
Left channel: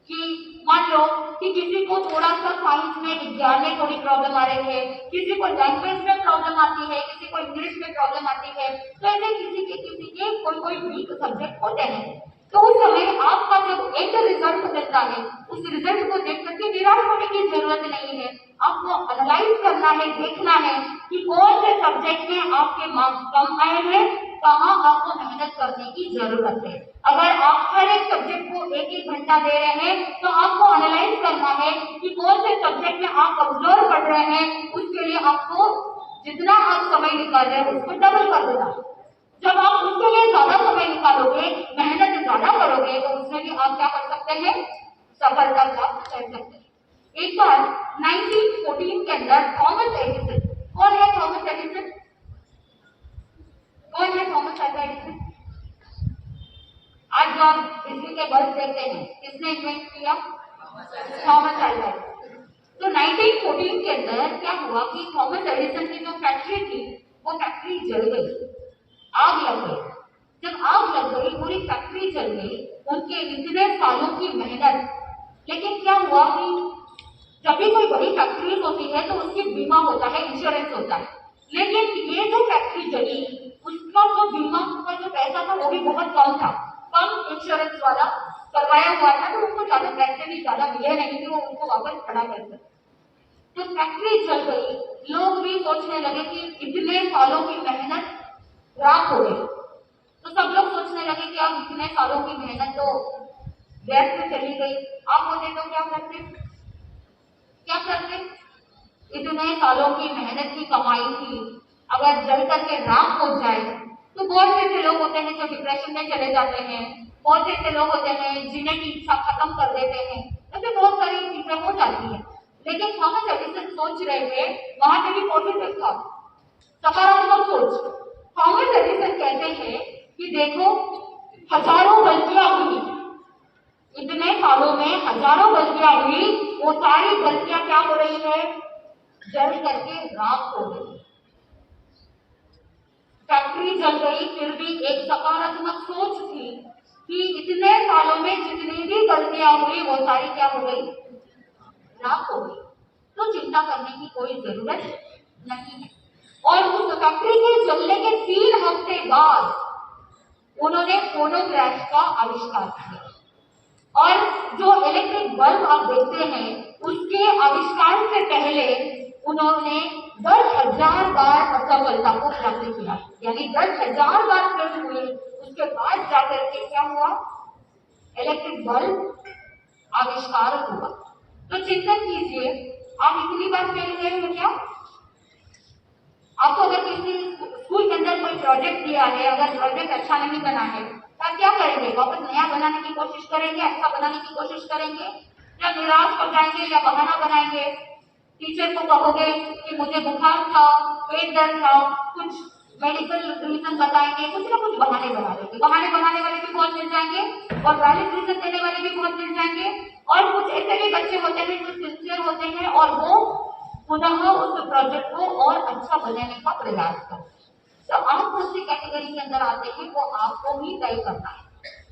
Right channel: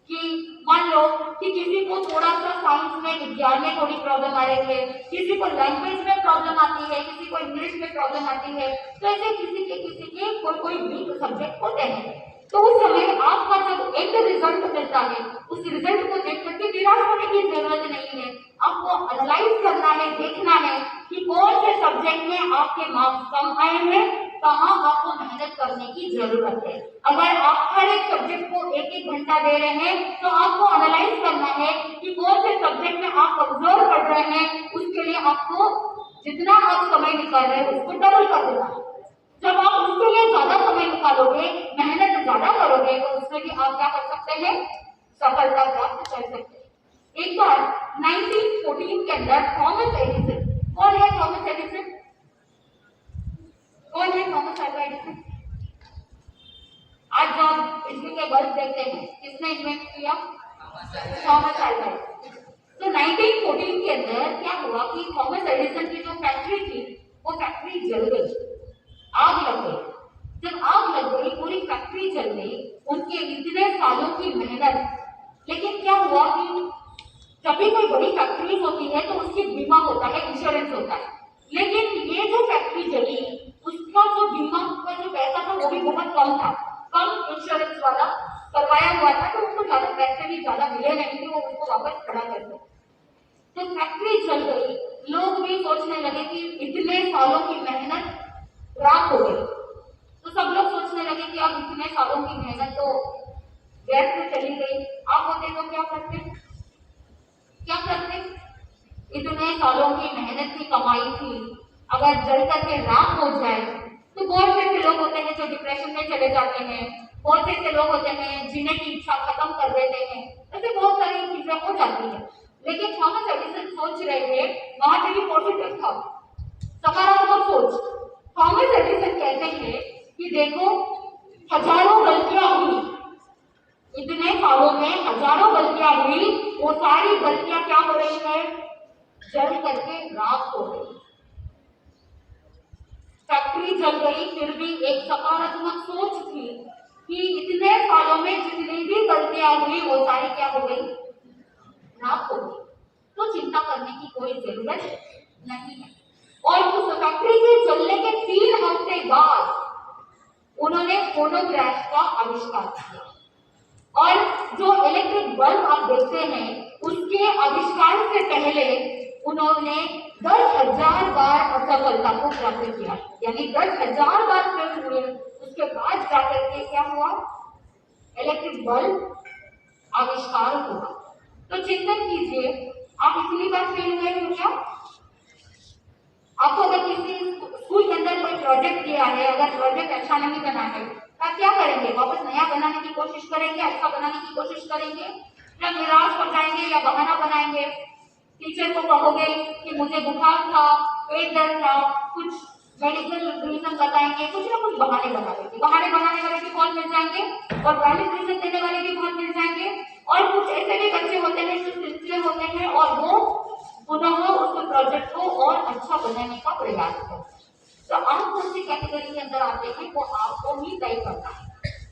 कि मान लो कि किसी को थोड़ा सा साइंस में, विज्ञान में थोड़ी प्रॉब्लम आ रही है, किसी को लैंग्वेज में प्रॉब्लम आती है, किसी को इंग्लिश में प्रॉब्लम आती है, तो ऐसे किसी के कोई वीक सब्जेक्ट होते हैं। तो उस समय आपका जब एंड रिजल्ट मिलता है, उस रिजल्ट को देख करके निराश होने की जरूरत नहीं है। आपको एनालाइज करना है, देखना है कि कौन से सब्जेक्ट में आपके मार्क्स कम आए हैं, कहाँ आपको मेहनत करने की जरूरत है। अगर आप हर एक सब्जेक्ट को एक एक घंटा दे रहे हैं तो आपको एनालाइज करना है कि कौन से सब्जेक्ट में आप कमजोर पढ़ रहे हैं, उसके लिए आपको जितना आप समय निकाल रहे हैं उसको डबल कर देना। जब आप उसके लिए ज्यादा समय निकालोगे, मेहनत ज्यादा करोगे, तो उसमें भी आप क्या कर सकते हैं? सफलता प्राप्त कर सकते हैं। एक बार 1914 के अंदर थॉमस एडिसन, कौन है थॉमस एडिसन? कौन है थॉमस अल्वा एडिसन? आज जब बिजली के बल्ब देखते हैं, किसने इन्वेंट किया? Thomas Alva Edison. तो 1914 के अंदर क्या हुआ कि थॉमस एडिसन की जो फैक्ट्री थी, वो फैक्ट्री जल गई, आग लग गई। जब आग लग गई, पूरी फैक्ट्री जल गई, उनके इतने सालों की मेहनत। लेकिन क्या हुआ कि जब भी कोई बड़ी फैक्ट्रीज होती है तो उसकी बीमा होता है, इंश्योरेंस होता है, लेकिन ये जो फैक्ट्री जली, उसका जो बीमा का जो पैसा था वो भी बहुत कम था, कम इंश्योरेंस वाला करवाया हुआ था, तो उसको ज्यादा पैसे भी ज्यादा मिले नहीं थे, वो उसको वापस खड़ा कर सकते। तो फैक्ट्री जल गई, लोग भी सोचने लगे कि इतने सालों की मेहनत राख हो गई। तो सब लोग सोचने लगे कि अब इतने सालों की मेहनत तो व्यर्थ चली गई। आप होते तो क्या करते? क्या करते? इतने सालों की मेहनत की कमाई थी, अगर जल करके राख हो जाए तो बहुत से लोग होते हैं जो डिप्रेशन में चले जाते हैं, बहुत से लोग होते हैं जीने की इच्छा खत्म कर देते हैं, ऐसे बहुत सारी चीजें हो जाती है। लेकिन थॉमस एडिसन सोच रहे थे, वहां पे भी पॉजिटिव था, सकारात्मक सोच। थॉमस एडिसन कहते हैं कि देखो, हजारों गलतियां हुई, इतने सालों में हजारों गलतियां हुई, वो सारी गलतियां क्या हो रही है? जल करके राख हो गई। फैक्ट्री जल गई, फिर भी एक सकारात्मक सोच थी कि इतने सालों में जितनी भी गलतियां हुई वो सारी क्या हो गई? राख हो गई। तो चिंता करने की कोई जरूरत नहीं है। और उस फैक्ट्री के जलने के 3 हफ्ते बाद उन्होंने फोनोग्राफ का आविष्कार किया। और जो इलेक्ट्रिक बल्ब आप देखते हैं, उसके आविष्कार से पहले उन्होंने 10,000 बार असफलता को प्राप्त किया, यानी 10,000 बार फेल हुए, उसके बाद जाकर के क्या हुआ? इलेक्ट्रिक बल्ब आविष्कार हुआ। तो चिंतन कीजिए, आप इतनी बार फेल हुए हो क्या? आपको अगर किसी स्कूल के अंदर कोई प्रोजेक्ट दिया है, अगर प्रोजेक्ट अच्छा नहीं बना है, तो आप क्या करेंगे? वापस नया बनाने की कोशिश करेंगे, अच्छा बनाने की कोशिश करेंगे, या निराश हो जाएंगे, या बहाना बनाएंगे? टीचर को कहोगे कि मुझे बुखार था, पेट दर्द था, कुछ मेडिकल रीजन बताएंगे, कुछ ना कुछ बहाने बना देंगे। बहाने बनाने वाले भी बहुत मिल जाएंगे और वैलिड रीजन देने वाले भी बहुत मिल जाएंगे। और कुछ ऐसे भी बच्चे होते हैं जो सिंसियर होते हैं और वो पुनः उस प्रोजेक्ट को और अच्छा बनाने का प्रयास करते हैं। तो आप कौन सी कैटेगरी के अंदर आते हैं वो आपको ही तय करना है।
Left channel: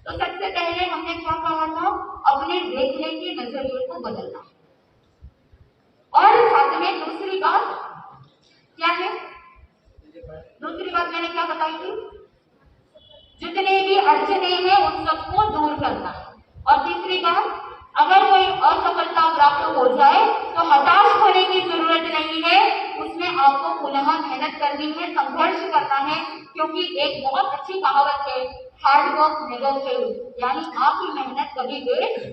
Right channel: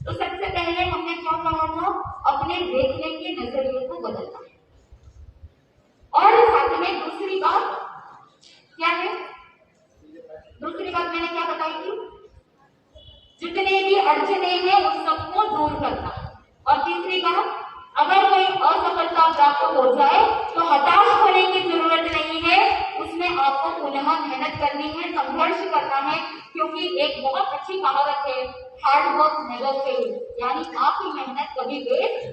तो सबसे पहले हमने क्या कहा था? अपने देखने के नजरिए को बदलना है। और साथ में दूसरी बात क्या है? दूसरी मैंने क्या बताई थी, जितने भी अड़चने हैं उन सबको दूर करना। और तीसरी बात, अगर कोई असफलता प्राप्त हो जाए तो हताश होने की जरूरत नहीं है, उसमें आपको पुनः मेहनत करनी है, संघर्ष करना है, क्योंकि एक बहुत अच्छी कहावत है, हार्ड वर्क नेवर फेल, यानी आपकी मेहनत कभी वेस्ट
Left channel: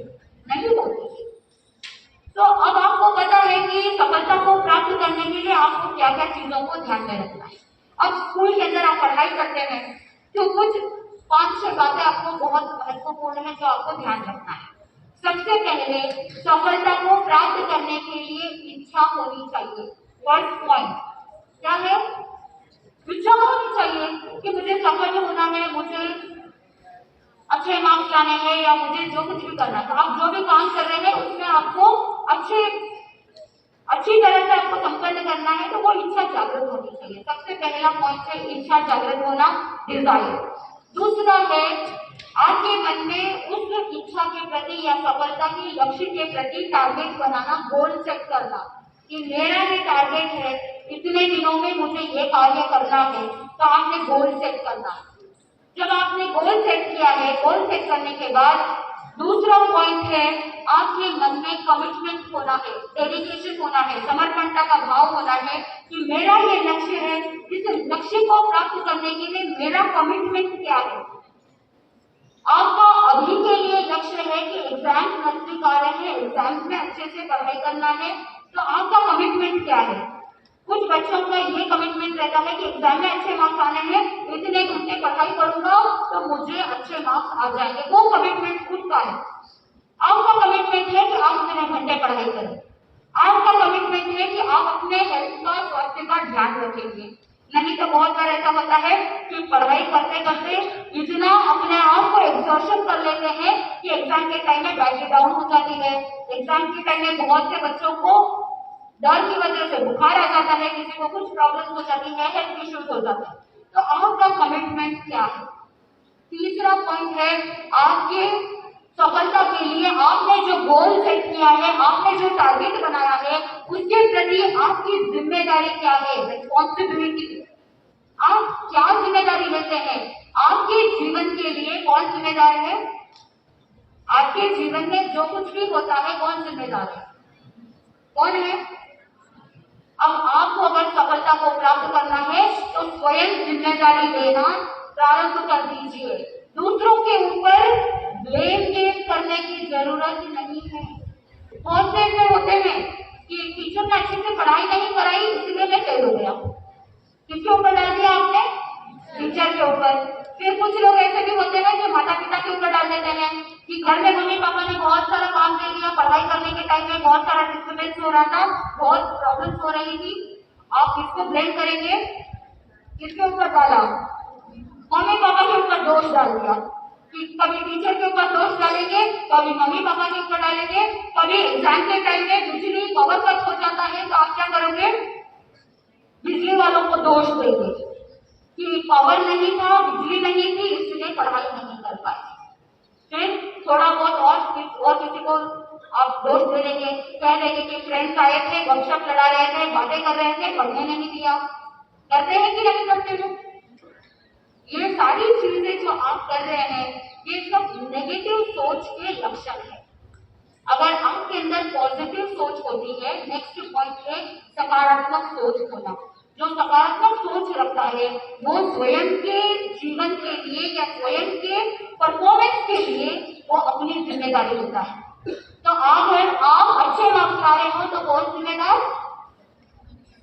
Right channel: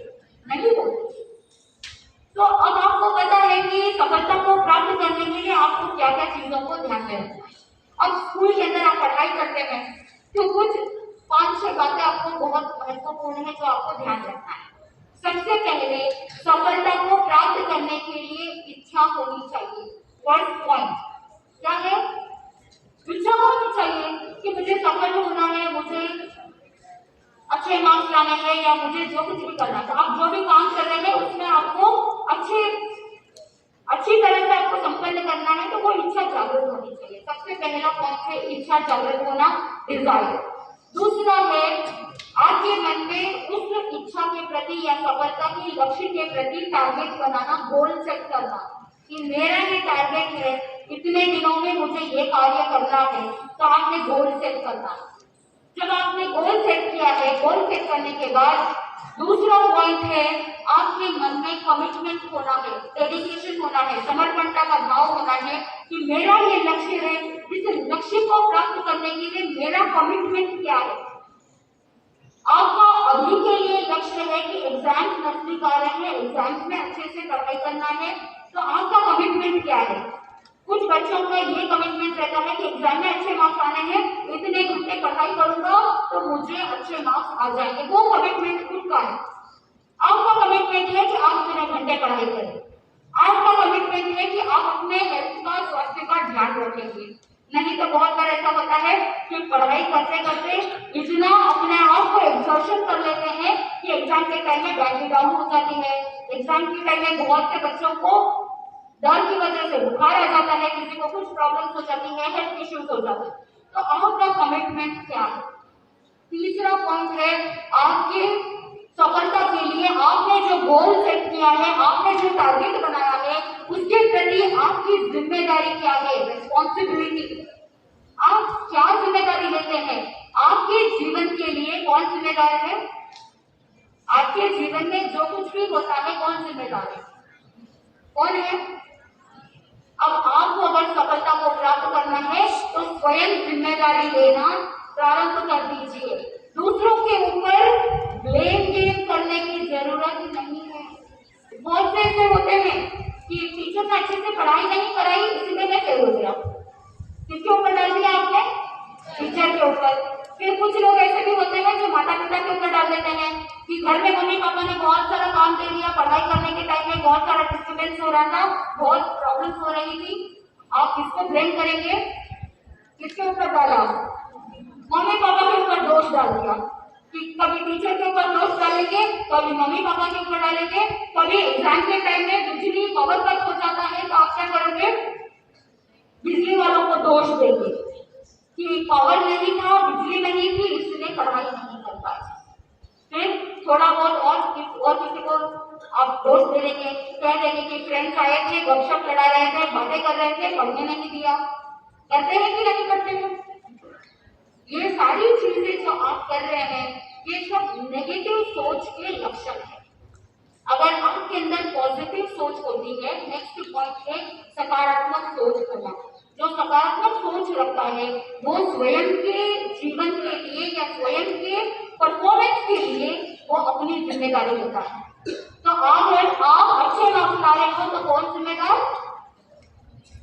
नहीं होती। तो अब आपको पता है कि सफलता को प्राप्त करने के लिए आपको क्या क्या चीजों को ध्यान में रखना है। अब स्कूल के अंदर आप पढ़ाई करते हैं तो कुछ 5-6 बातें आपको बहुत महत्वपूर्ण है जो आपको ध्यान रखना है। सबसे पहले सफलता को प्राप्त करने के लिए इच्छा होनी चाहिए। फर्स्ट पॉइंट क्या है, इच्छा होनी चाहिए कि मुझे सफल होना है, मुझे अच्छे मार्क्स लाने हैं या मुझे जो कुछ भी करना है। तो आप जो भी काम कर रहे हैं उसमें आपको अच्छी तरह से आपको संपन्न करना है, तो वो इच्छा जागृत होनी चाहिए। सबसे पहला पॉइंट है इच्छा जागृत होना, डिजायर। दूसरा है आपके मन में उस इच्छा के प्रति या सफलता के लक्ष्य के प्रति टारगेट बनाना, गोल सेट करना कि मेरा ये टारगेट है, इतने दिनों में मुझे ये कार्य करना है, तो आपने गोल सेट करना है। जब आपने गोल सेट किया है, गोल सेट करने के बाद दूसरा पॉइंट है आपके मन में कमिटमेंट होना है, डेडिकेशन होना है, समर्पणता का भाव होना है कि मेरा ये लक्ष्य है, इस लक्ष्य को प्राप्त करने के लिए मेरा कमिटमेंट क्या है। आपका अभी के लिए लक्ष्य है कि एग्जाम्स नजदीक आ रहे हैं, एग्जाम्स में अच्छे से पढ़ाई करना है, तो आपका कमिटमेंट क्या है। कुछ बच्चों का ये कमिटमेंट रहता है कि एग्जाम में अच्छे मार्क्स आने हैं, इतने घंटे पढ़ाई करूंगा तो मुझे अच्छे मार्क्स आ जाएंगे, वो कमिटमेंट खुद का है। आपका कमिटमेंट है कि आप इतने घंटे पढ़ाई करें। आपका कमिटमेंट है कि आप अपने हेल्थ का, स्वास्थ्य का ध्यान रखेंगे। नहीं तो बहुत बार ऐसा होता है कि पढ़ाई करते करते इतना अपने आप को एक्सर्शन कर लेते हैं कि एग्जाम के टाइम में बैटरी डाउन हो जाती है। एग्जाम के टाइम में बहुत से बच्चों को डर की वजह से बुखार आ जाता है, किसी को कुछ प्रॉब्लम्स हो जाती है, हेल्थ इश्यूज हो जाते हैं। तो आपका कमिटमेंट क्या है। तीसरा पॉइंट है आपके सफलता के लिए आपने जो गोल सेट किया है, आपने जो टारगेट बनाया है, उसके प्रति आपकी जिम्मेदारी क्या है, रिस्पॉन्सिबिलिटी। आप क्या जिम्मेदारी लेते हैं। आपके जीवन के लिए कौन जिम्मेदार है। आपके जीवन में जो कुछ भी होता है कौन जिम्मेदार है, कौन है। अब आपको अगर सफलता को प्राप्त करना है तो स्वयं जिम्मेदारी लेना प्रारंभ कर दीजिए। दूसरों के ऊपर ब्लेम गेम करने की जरूरत नहीं है। बहुत से ऐसे होते हैं कि टीचर ने अच्छे से पढ़ाई नहीं कराई इसलिए मैं फेल हो गया। किसके ऊपर डाल दिया आपने, टीचर के ऊपर। फिर कुछ लोग ऐसे भी होते हैं जो माता पिता के ऊपर डाल देते हैं कि घर में मम्मी पापा ने बहुत सारा काम दे दिया, पढ़ाई करने के टाइम में बहुत सारा डिस्टर्बेंस हो रहा था, बहुत प्रॉब्लम्स हो रही थी, आप किसको ब्लेम करेंगे, किसके ऊपर डाला, मम्मी पापा के ऊपर दोष डाल दिया। कि कभी टीचर के ऊपर दोष डालेंगे, कभी मम्मी पापा के ऊपर डालेंगे, कभी एग्जाम के टाइम में बिजली पावर कट हो जाता है तो आप क्या करेंगे, बिजली वालों को दोष देंगे कि पावर नहीं था, बिजली नहीं थी, इसलिए पढ़ाई नहीं कर पाए। फिर थोड़ा बहुत और किसी को आप दोष दे देंगे, कह देंगे कि फ्रेंड्स आए थे, गपशप लड़ा रहे थे, बातें कर रहे थे, पढ़ने नहीं दिया। करते हैं कि नहीं करते हैं। ये सारी चीजें जो आप कर रहे हैं ये सब नेगेटिव सोच के लक्षण है। अगर आपके अंदर पॉजिटिव सोच होती है, नेक्स्ट पॉइंट है सकारात्मक सोच होना। जो सकारात्मक सोच रखता है वो स्वयं के जीवन के लिए या स्वयं के परफॉर्मेंस के लिए वो अपनी जिम्मेदारी लेता है। तो अगर आप अच्छे मार्क्स ला रहे हो तो कौन जिम्मेदार,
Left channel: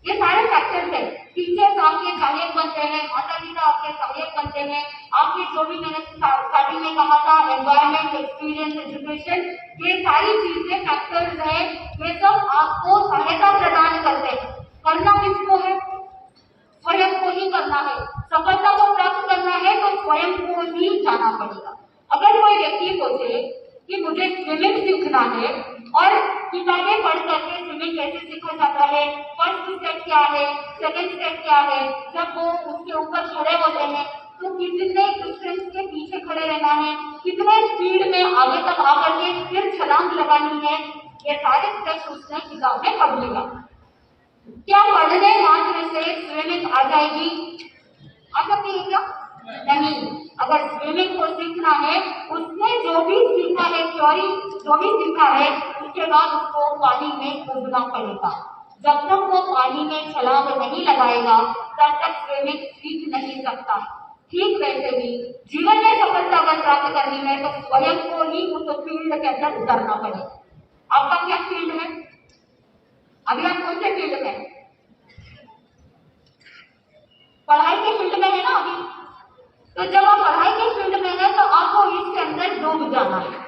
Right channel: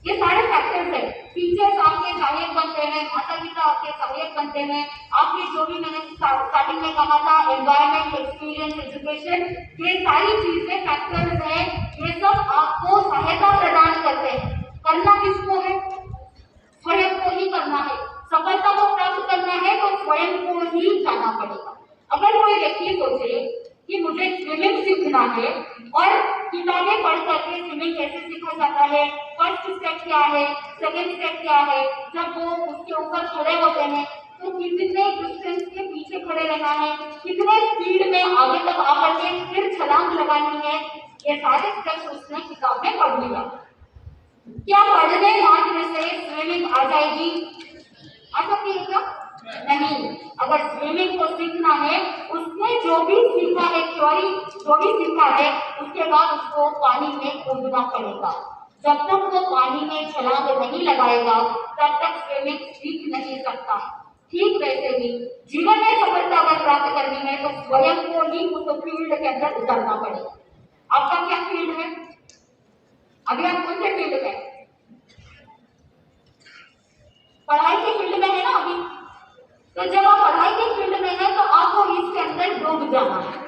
ये सारे फैक्टर्स है। टीचर्स आपके सहायक बनते हैं, माता पिता आपके सहायक बनते हैं, आपके जो भी मैंने स्टार्टिंग में कहा था एनवायरमेंट, एक्सपीरियंस, एजुकेशन, ये सारी चीजें फैक्टर्स हैं, ये सब आपको सहायता प्रदान करते हैं। करना किसको है, स्वयं को ही करना है। सफलता को प्राप्त करना है तो स्वयं को ही जाना पड़ेगा। अगर कोई व्यक्ति सोचे कि मुझे स्विमिंग सीखना है और किताबें पढ़ करके स्विमिंग कैसे सीखा जाता है, फर्स्ट स्टेप क्या है, सेकंड स्टेप क्या है, जब वो उसके ऊपर खड़े होते हैं तो कितने डिस्टेंस के पीछे खड़े रहना है, कितने स्पीड में आगे तक आकर के फिर छलांग लगानी है, ये सारे स्टेप्स उसने किताब में पढ़ लिया। क्या पढ़ने मात्र से स्विमिंग आ जाएगी, ऐसा भी सीखा है थ्योरी, जो भी सीखा है, उसके बाद उसको पानी में कूदना पड़ेगा। जब तक वो पानी में छलांग नहीं लगाएगा तब तक स्विमिंग सीख नहीं सकता। ठीक वैसे ही जीवन में सफलता अगर प्राप्त करनी है तो स्वयं को ही उस फील्ड के अंदर उतरना पड़ेगा। आपका क्या फील्ड है? अभी आप कौन से फील्ड में? पढ़ाई के फील्ड में है ना अभी। तो जब आप पढ़ाई के फील्ड में है तो आपको इसके अंदर डूब जाना है।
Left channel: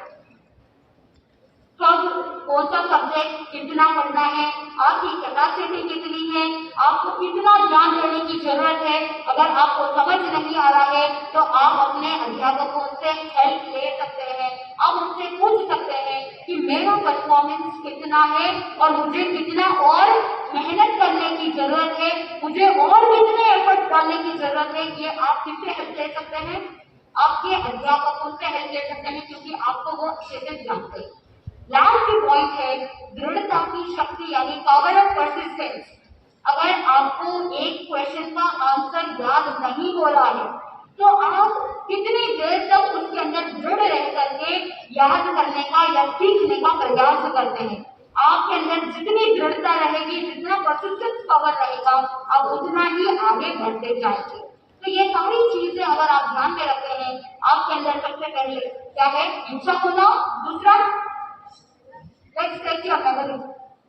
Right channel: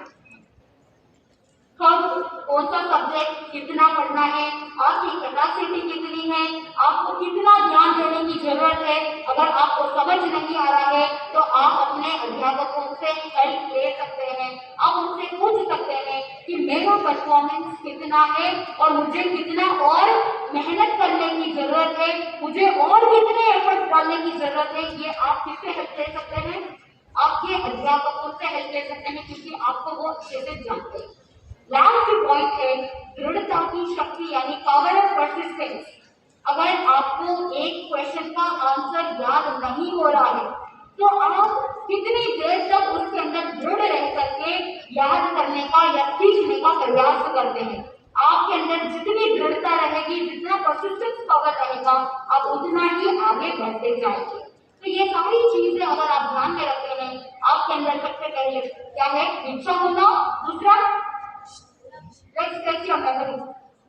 कब कौन सा सब्जेक्ट कितना पढ़ना है, आपकी कैपेसिटी कितनी है, आपको कितना ध्यान देने की जरूरत है, अगर आपको समझ नहीं आ रहा है तो आप अपने अध्यापकों से हेल्प ले सकते हैं। आप उनसे पूछ सकते हैं कि मेरा परफॉर्मेंस कितना है और मुझे कितना और मेहनत करने की जरूरत है, मुझे और कितने एफर्ट डालने की जरूरत है। ये आप किससे हेल्प ले सकते हैं? आपके अध्यापकों से हेल्प ले सकते हैं, क्योंकि आपको वो अच्छे से जानते हैं। लास्ट पॉइंट है दृढ़ता की शक्ति, यानी पावर ऑफ परसिस्टेंस। अगर आपको एक क्वेश्चन का आंसर याद नहीं हो रहा है तो आप कितनी देर तक उसके अंदर दृढ़ रह करके याद करने का या सीखने का प्रयास करते हैं। आपके अंदर जितनी दृढ़ता रहेगी, जितना परसिस्टेंस पावर रहेगा, आप उतना ही आगे बढ़ते जाएंगे। तो ये सारी चीजें अगर आप ध्यान में रखते हैं, आपके अंदर सबसे पहले क्या है? इच्छा होना। दूसरा, लेट्स टेस्ट योर मेमोरी।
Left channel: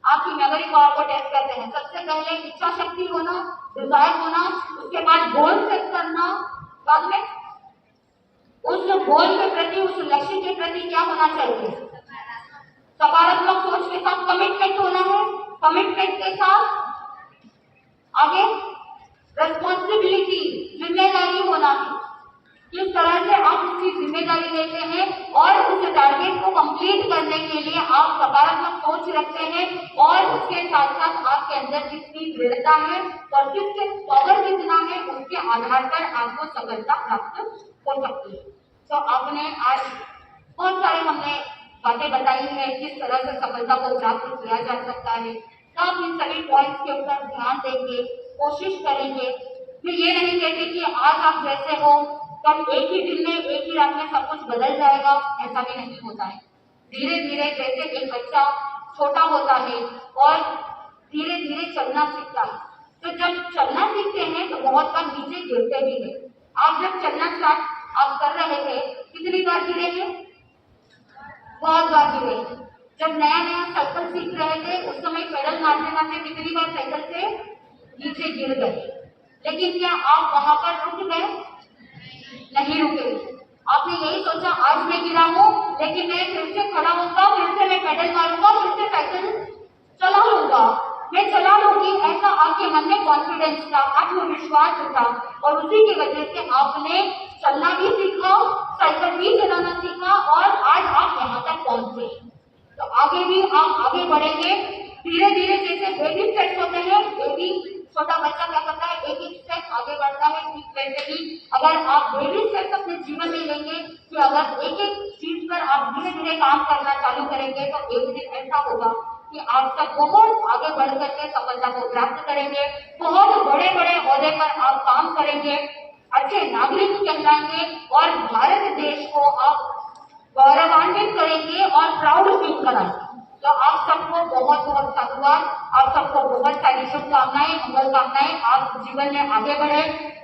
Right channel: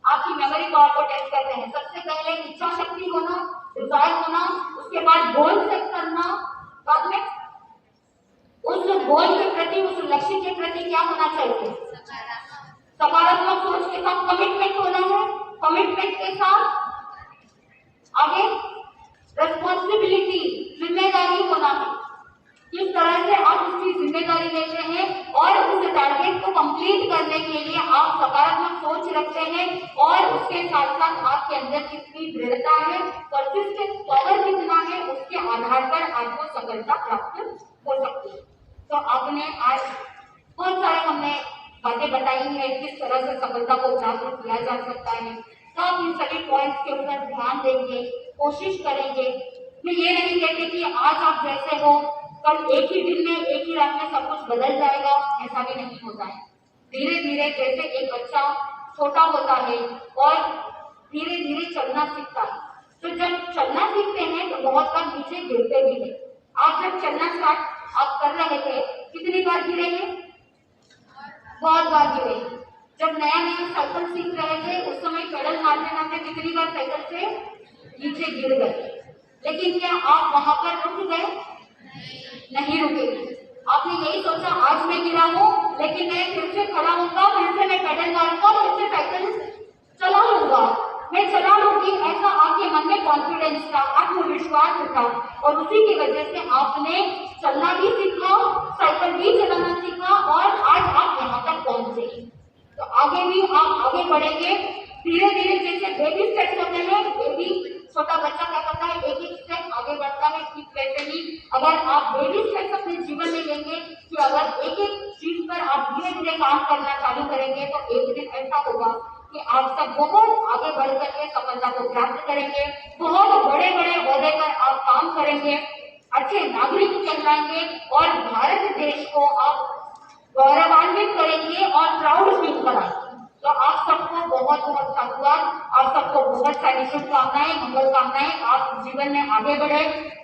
आपकी मेमोरी पावर को टेस्ट करते हैं। सबसे पहले इच्छा शक्ति होना, डिजायर होना, उसके बाद गोल सेट करना, बाद में उस गोल के प्रति, उस लक्ष्य के प्रति क्या होना चाहिए? सकारात्मक सोच के साथ कमिटमेंट होना है। कमिटमेंट के साथ आगे रेस्पॉन्सिबिलिटी, जिम्मेदारी होना है। किस तरह से आप उसकी जिम्मेदारी लेते हैं और उस टारगेट को कंप्लीट करने के लिए आप सकारात्मक सोच रखते हैं, और उसके साथ साथ आपके अंदर कितनी दृढ़ता है, परसिस्टेंस पावर कितना है, उसके आधार पर आपको सफलता प्राप्त हो सकती है। तो आपने आज बहुत सारे हमने बातें बताई है किस तरह से सफलता को प्राप्त किया जा सकता है। तो आप इन सभी पॉइंट्स के ऊपर ध्यान देंगे, कोशिश करेंगे। मैं ये नहीं कहती कि आज आप जैसे हो कल एक ही दिन में, एक ही रात में सब कुछ बदल जाएगा, ऐसा भी नहीं होता है। धीरे धीरे जैसे एक बच्चा छोटा होता है और धीरे धीरे चलना सीखता है, तो जब चलना सीखते हैं तो बहुत बार नीचे गिरते भी हैं। आप जब चलना स्टार्ट आप कर रहे थे, कितनी बार गिरे हैं? बहुत बार गिरे हैं। जब नया नया साइकिल सीख रहे थे उस समय पेडल मारते मारते कितनी बार साइकिल से नीचे गिर गए, लेकिन क्या आप वहां पर रुक गए? नहीं रुके। आपने यही सोचा आज मैं गिरा हूं लेकिन मैं फिर से खड़ा होऊंगा, फिर से मैं पेडल मारूंगा, फिर से साइकिल चला लूंगा, मैं चला लूंगी। ऐसा आपके मन में कॉन्फिडेंस था, आत्मविश्वास था, और उसी की वजह से आपने चलना भी सीखा, साइकिल भी चलाना सीखा, और आज आप यहाँ तक पहुंचे। तो आगे भी आप आगे बढ़ेंगे धीरे धीरे। जैसे बेबी स्टेप्स होते हैं, बेबी छोटा बच्चा क्या करता है? एक एक स्टेप आगे बढ़ता है। ठीक वैसे ही अगर आप बेबी स्टेप्स अपने जीवन में लेंगे कि अगर एक एक चीज पर आप धीरे धीरे काम करना चालू करेंगे तो एक दिन ऐसा होगा कि आप सब बहुत आगे बढ़ करके सफलता को प्राप्त करेंगे, बहुत बड़े बड़े ओहदे पर आप काम करेंगे, अच्छे नागरिक कहलाएंगे, और भारत देश को आप गौरवान्वित करेंगे और प्राउड फील कराएंगे। तो आप सबको बहुत बहुत साधुवाद, आप सबको बहुत सारी शुभकामनाएं, मंगल कामनाएं। आप जीवन में आगे बढ़े,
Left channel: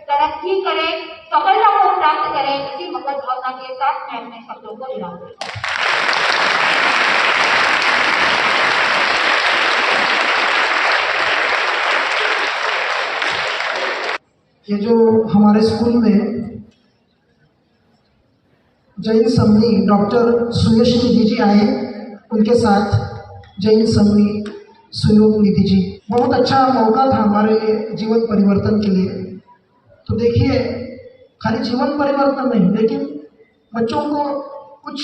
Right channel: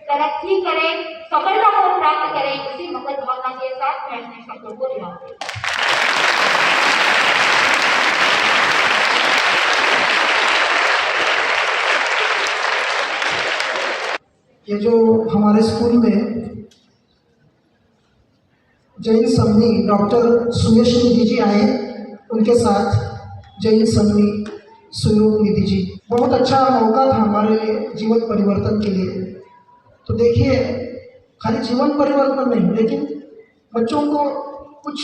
तरक्की करें, सफलता को प्राप्त करें। इसी मंगल भावना के साथ मैं अपने शब्दों को विराम देता हूं। ये जो हमारे स्कूल में जैन समनी डॉक्टर सुयश निधि जी आए, उनके साथ जैन समनी सुयोग निधि जी, बहुत अच्छा मौका था हमारे लिए जीवन परिवर्तन के लिए। तो देखिए, खाली जीवन परिवर्तन नहीं, लेकिन बच्चों को कुछ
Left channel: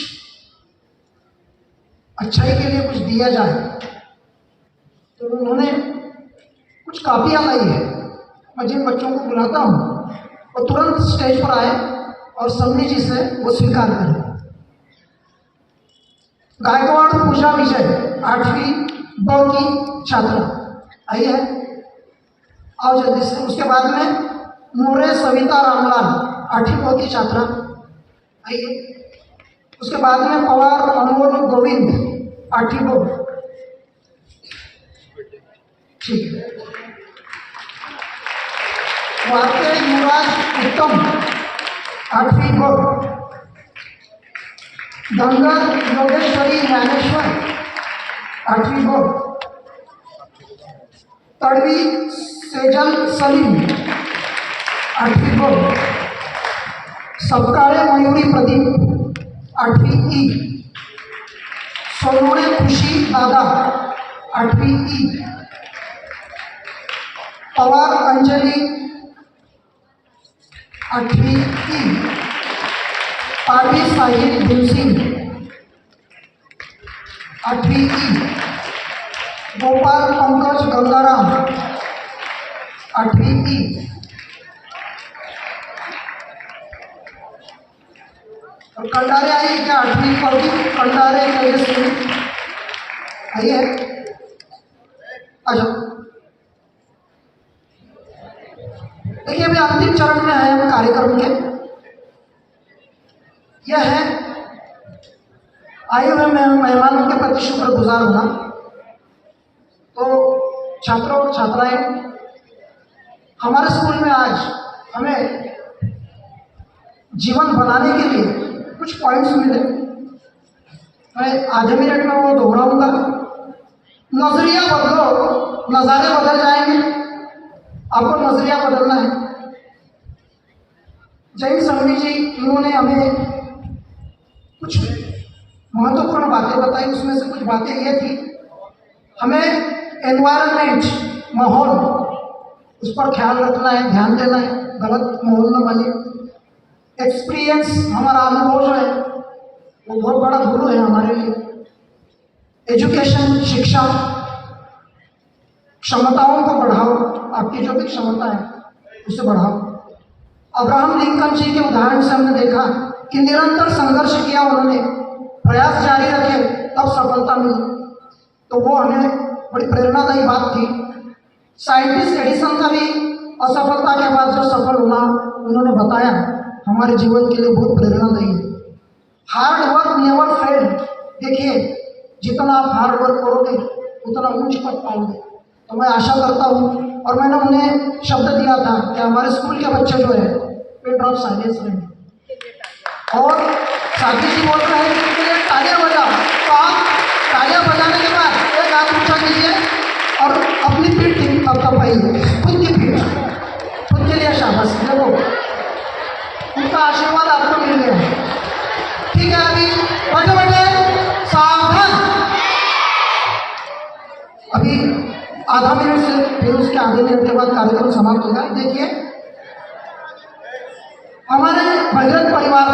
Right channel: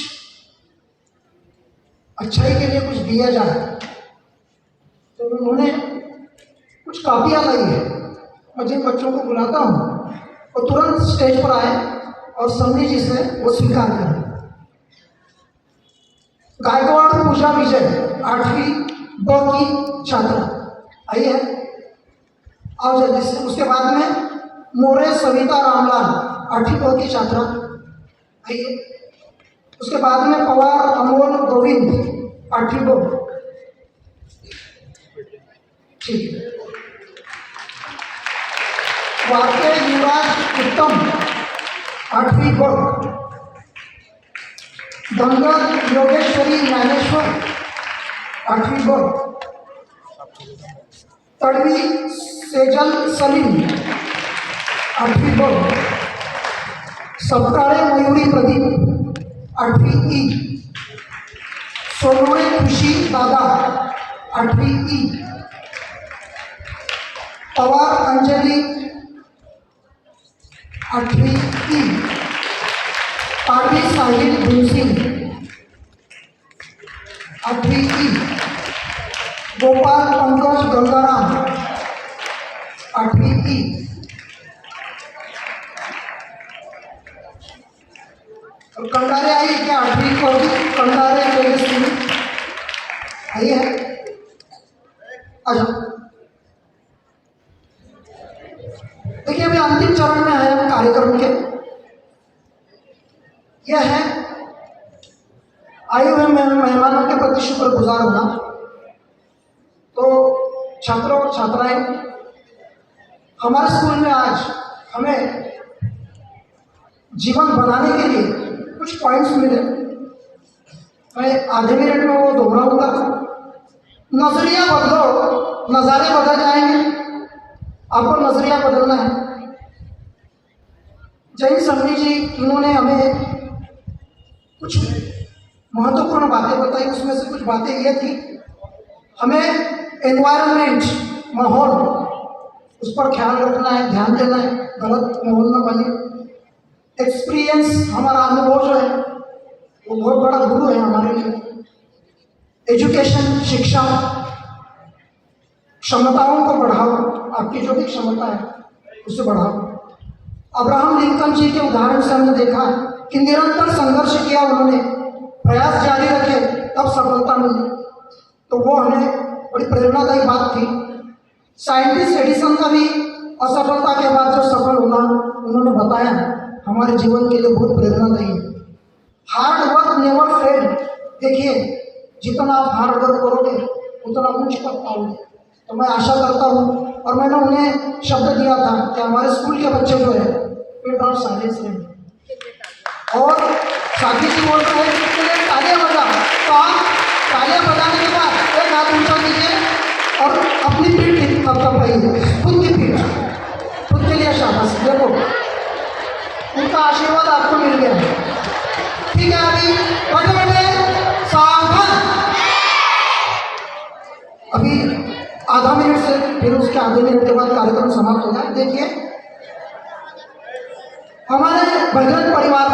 अच्छाई के लिए कुछ दिया जाए। तो उन्होंने कुछ कापियाँ लाई है, और जिन बच्चों को बुलाता हूँ वो तुरंत स्टेज पर आए और समनी जी से वो स्वीकार करें। गायकवाड़ पूजा विजय 8वीं ब की छात्रा आइए, आओ जल्दी से। उसके बाद में मोरे सविता रामलाल 8वीं ब की छात्रा आइए। उसके बाद में पवार अमोल गोविंद 8वीं बोर्ड। ठीक है। वाक्य युवराज उत्तम 8वीं बोर्ड। गंगा योगेश्वरी ज्ञानेश्वर 8वीं बोर्ड। तड़वी सेजल सलीम 8वीं बोर्ड। सबकाळे मयूरी प्रदीप 8वीं ई। सोनवणे खुशी दादा 8वीं ई। पवार अंजलि 8वीं ई। पारवी साहिल भीमसिंह 8वीं ई। गोपाल पंकज गंगाराम 8वीं ई। और कंडारे आई क्या 8वीं को भी? कंडारे तेजस्वी आई है। अच्छा देखिए अभी अंतिम चरण में आए हम कार्यक्रम के। यह है आए हुए मेहमानों के प्रति शुक्रगुजार होना। तो छात्रों और छात्राएं, हमारे स्कूल में आज हमें जीवन बनाने के लिए कुछ पॉइंट्स मिले। मैं आधे मिनट में वो दोहराऊंगा। नजरिया बदलो, नज़ारे बदल जाएंगे। आपको नजरिया बदलना है। जैन समनी जी इन्होंने हमें कुछ महत्वपूर्ण बातें बताई। उसमें से कुछ बातें ये थी, हमें एनवायरनमेंट, माहौल, उस पर ख्याल रखना है, ध्यान देना है, गलत माहौल में बने। एक्सपीरियंस, हमारा अनुभव जो है वो बहुत बड़ा गुरु है हमारे लिए। एजुकेशन, शिक्षा, क्षमताओं को बढ़ाओ, आपकी जो भी क्षमता है उसे बढ़ाओ। अब्राहम लिंकन जी के उदाहरण से हमने देखा कि निरंतर संघर्ष किया उन्होंने, प्रयास जारी रखे तब सफलता मिली। तो वो हमें बड़ी प्रेरणादायी बात थी। साइंटिस्ट एडिसन का भी असफलता के बाद जो सफल होना उन्होंने बताया, हमारे जीवन के लिए बहुत प्रेरणादायी है। Hard work never fail. देखिए जितना आप हार्ड वर्क करोगे उतना ऊंच पद पाओगे। तो मैं आशा करता हूँ, और मैंने उन्हें शब्द दिया था कि हमारे स्कूल के बच्चे जो है पीरियड ऑफ साइलेंस में, और साथी जी बोल रहे हैं कि इसके लिए तालियां बजा। तो आप तालियां बजाने के बाद एक हाथ ऊंचा कीजिए और अपनी पीठ ठीक कर पाइए, खुद की पीठ, खुद के लिए शाबाश। देखो उनका आशीर्वाद आपको मिल गया। ठीक है, अभी बैठे बैठे सावधान। अभी आधा मिनट से फिर उसके आधे मिनट के बाद कार्यक्रम समाप्त होगा। देखिए हमारे भजन परिवार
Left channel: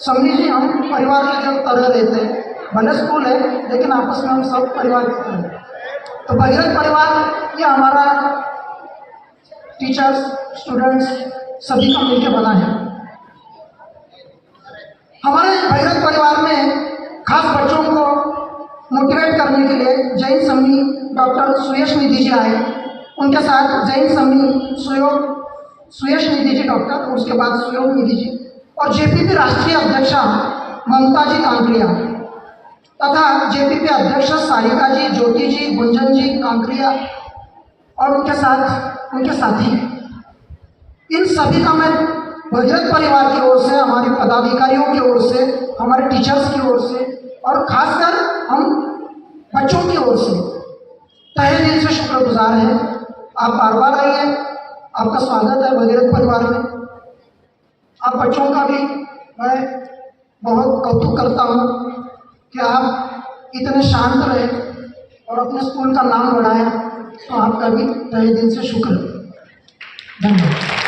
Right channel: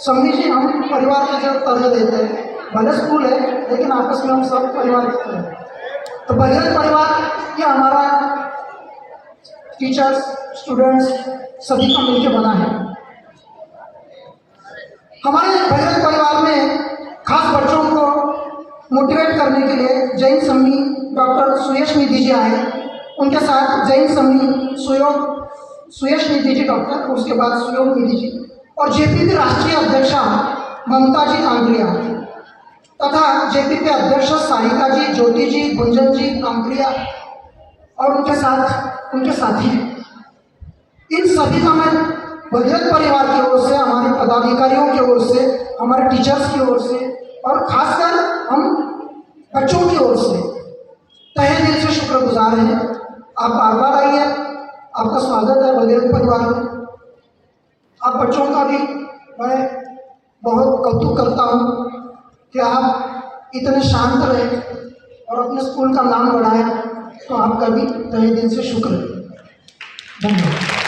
समझी जी, हम परिवार के जब तरह रहते हैं, भले स्कूल है लेकिन आपस में हम सब परिवार की तरह। तो भजन परिवार ये हमारा टीचर्स, स्टूडेंट्स सभी का मिलकर बना है। हमारे भजन परिवार में खास बच्चों को मोटिवेट करने के लिए जैन समनी डॉक्टर सुयश निधि जी आए। उनके साथ जैन समनी सुयश निधि जी डॉक्टर, उसके बाद सुयोग निधि जी, और जेपीपी राष्ट्रीय अध्यक्षा ममता जी कांकरिया, तथा जेपीपी अध्यक्ष सारिका जी, ज्योति जी, गुंजन जी कांकरिया, और उनके साथ उनके साथी। इन सभी का मैं भजन परिवार की ओर से, हमारे पदाधिकारियों की ओर से, हमारे टीचर्स की ओर से, और खासकर हम बच्चों की ओर से तहे दिल से शुक्रगुजार हैं। आप बार बार आइए, आपका स्वागत है भगीरथ परिवार में। आप बच्चों का भी मैं बहुत कौतुक करता हूँ कि आप इतने शांत रहे और अपने स्कूल का नाम बढ़ाया। तो आपका भी तहे दिल से शुक्र। धन्यवाद।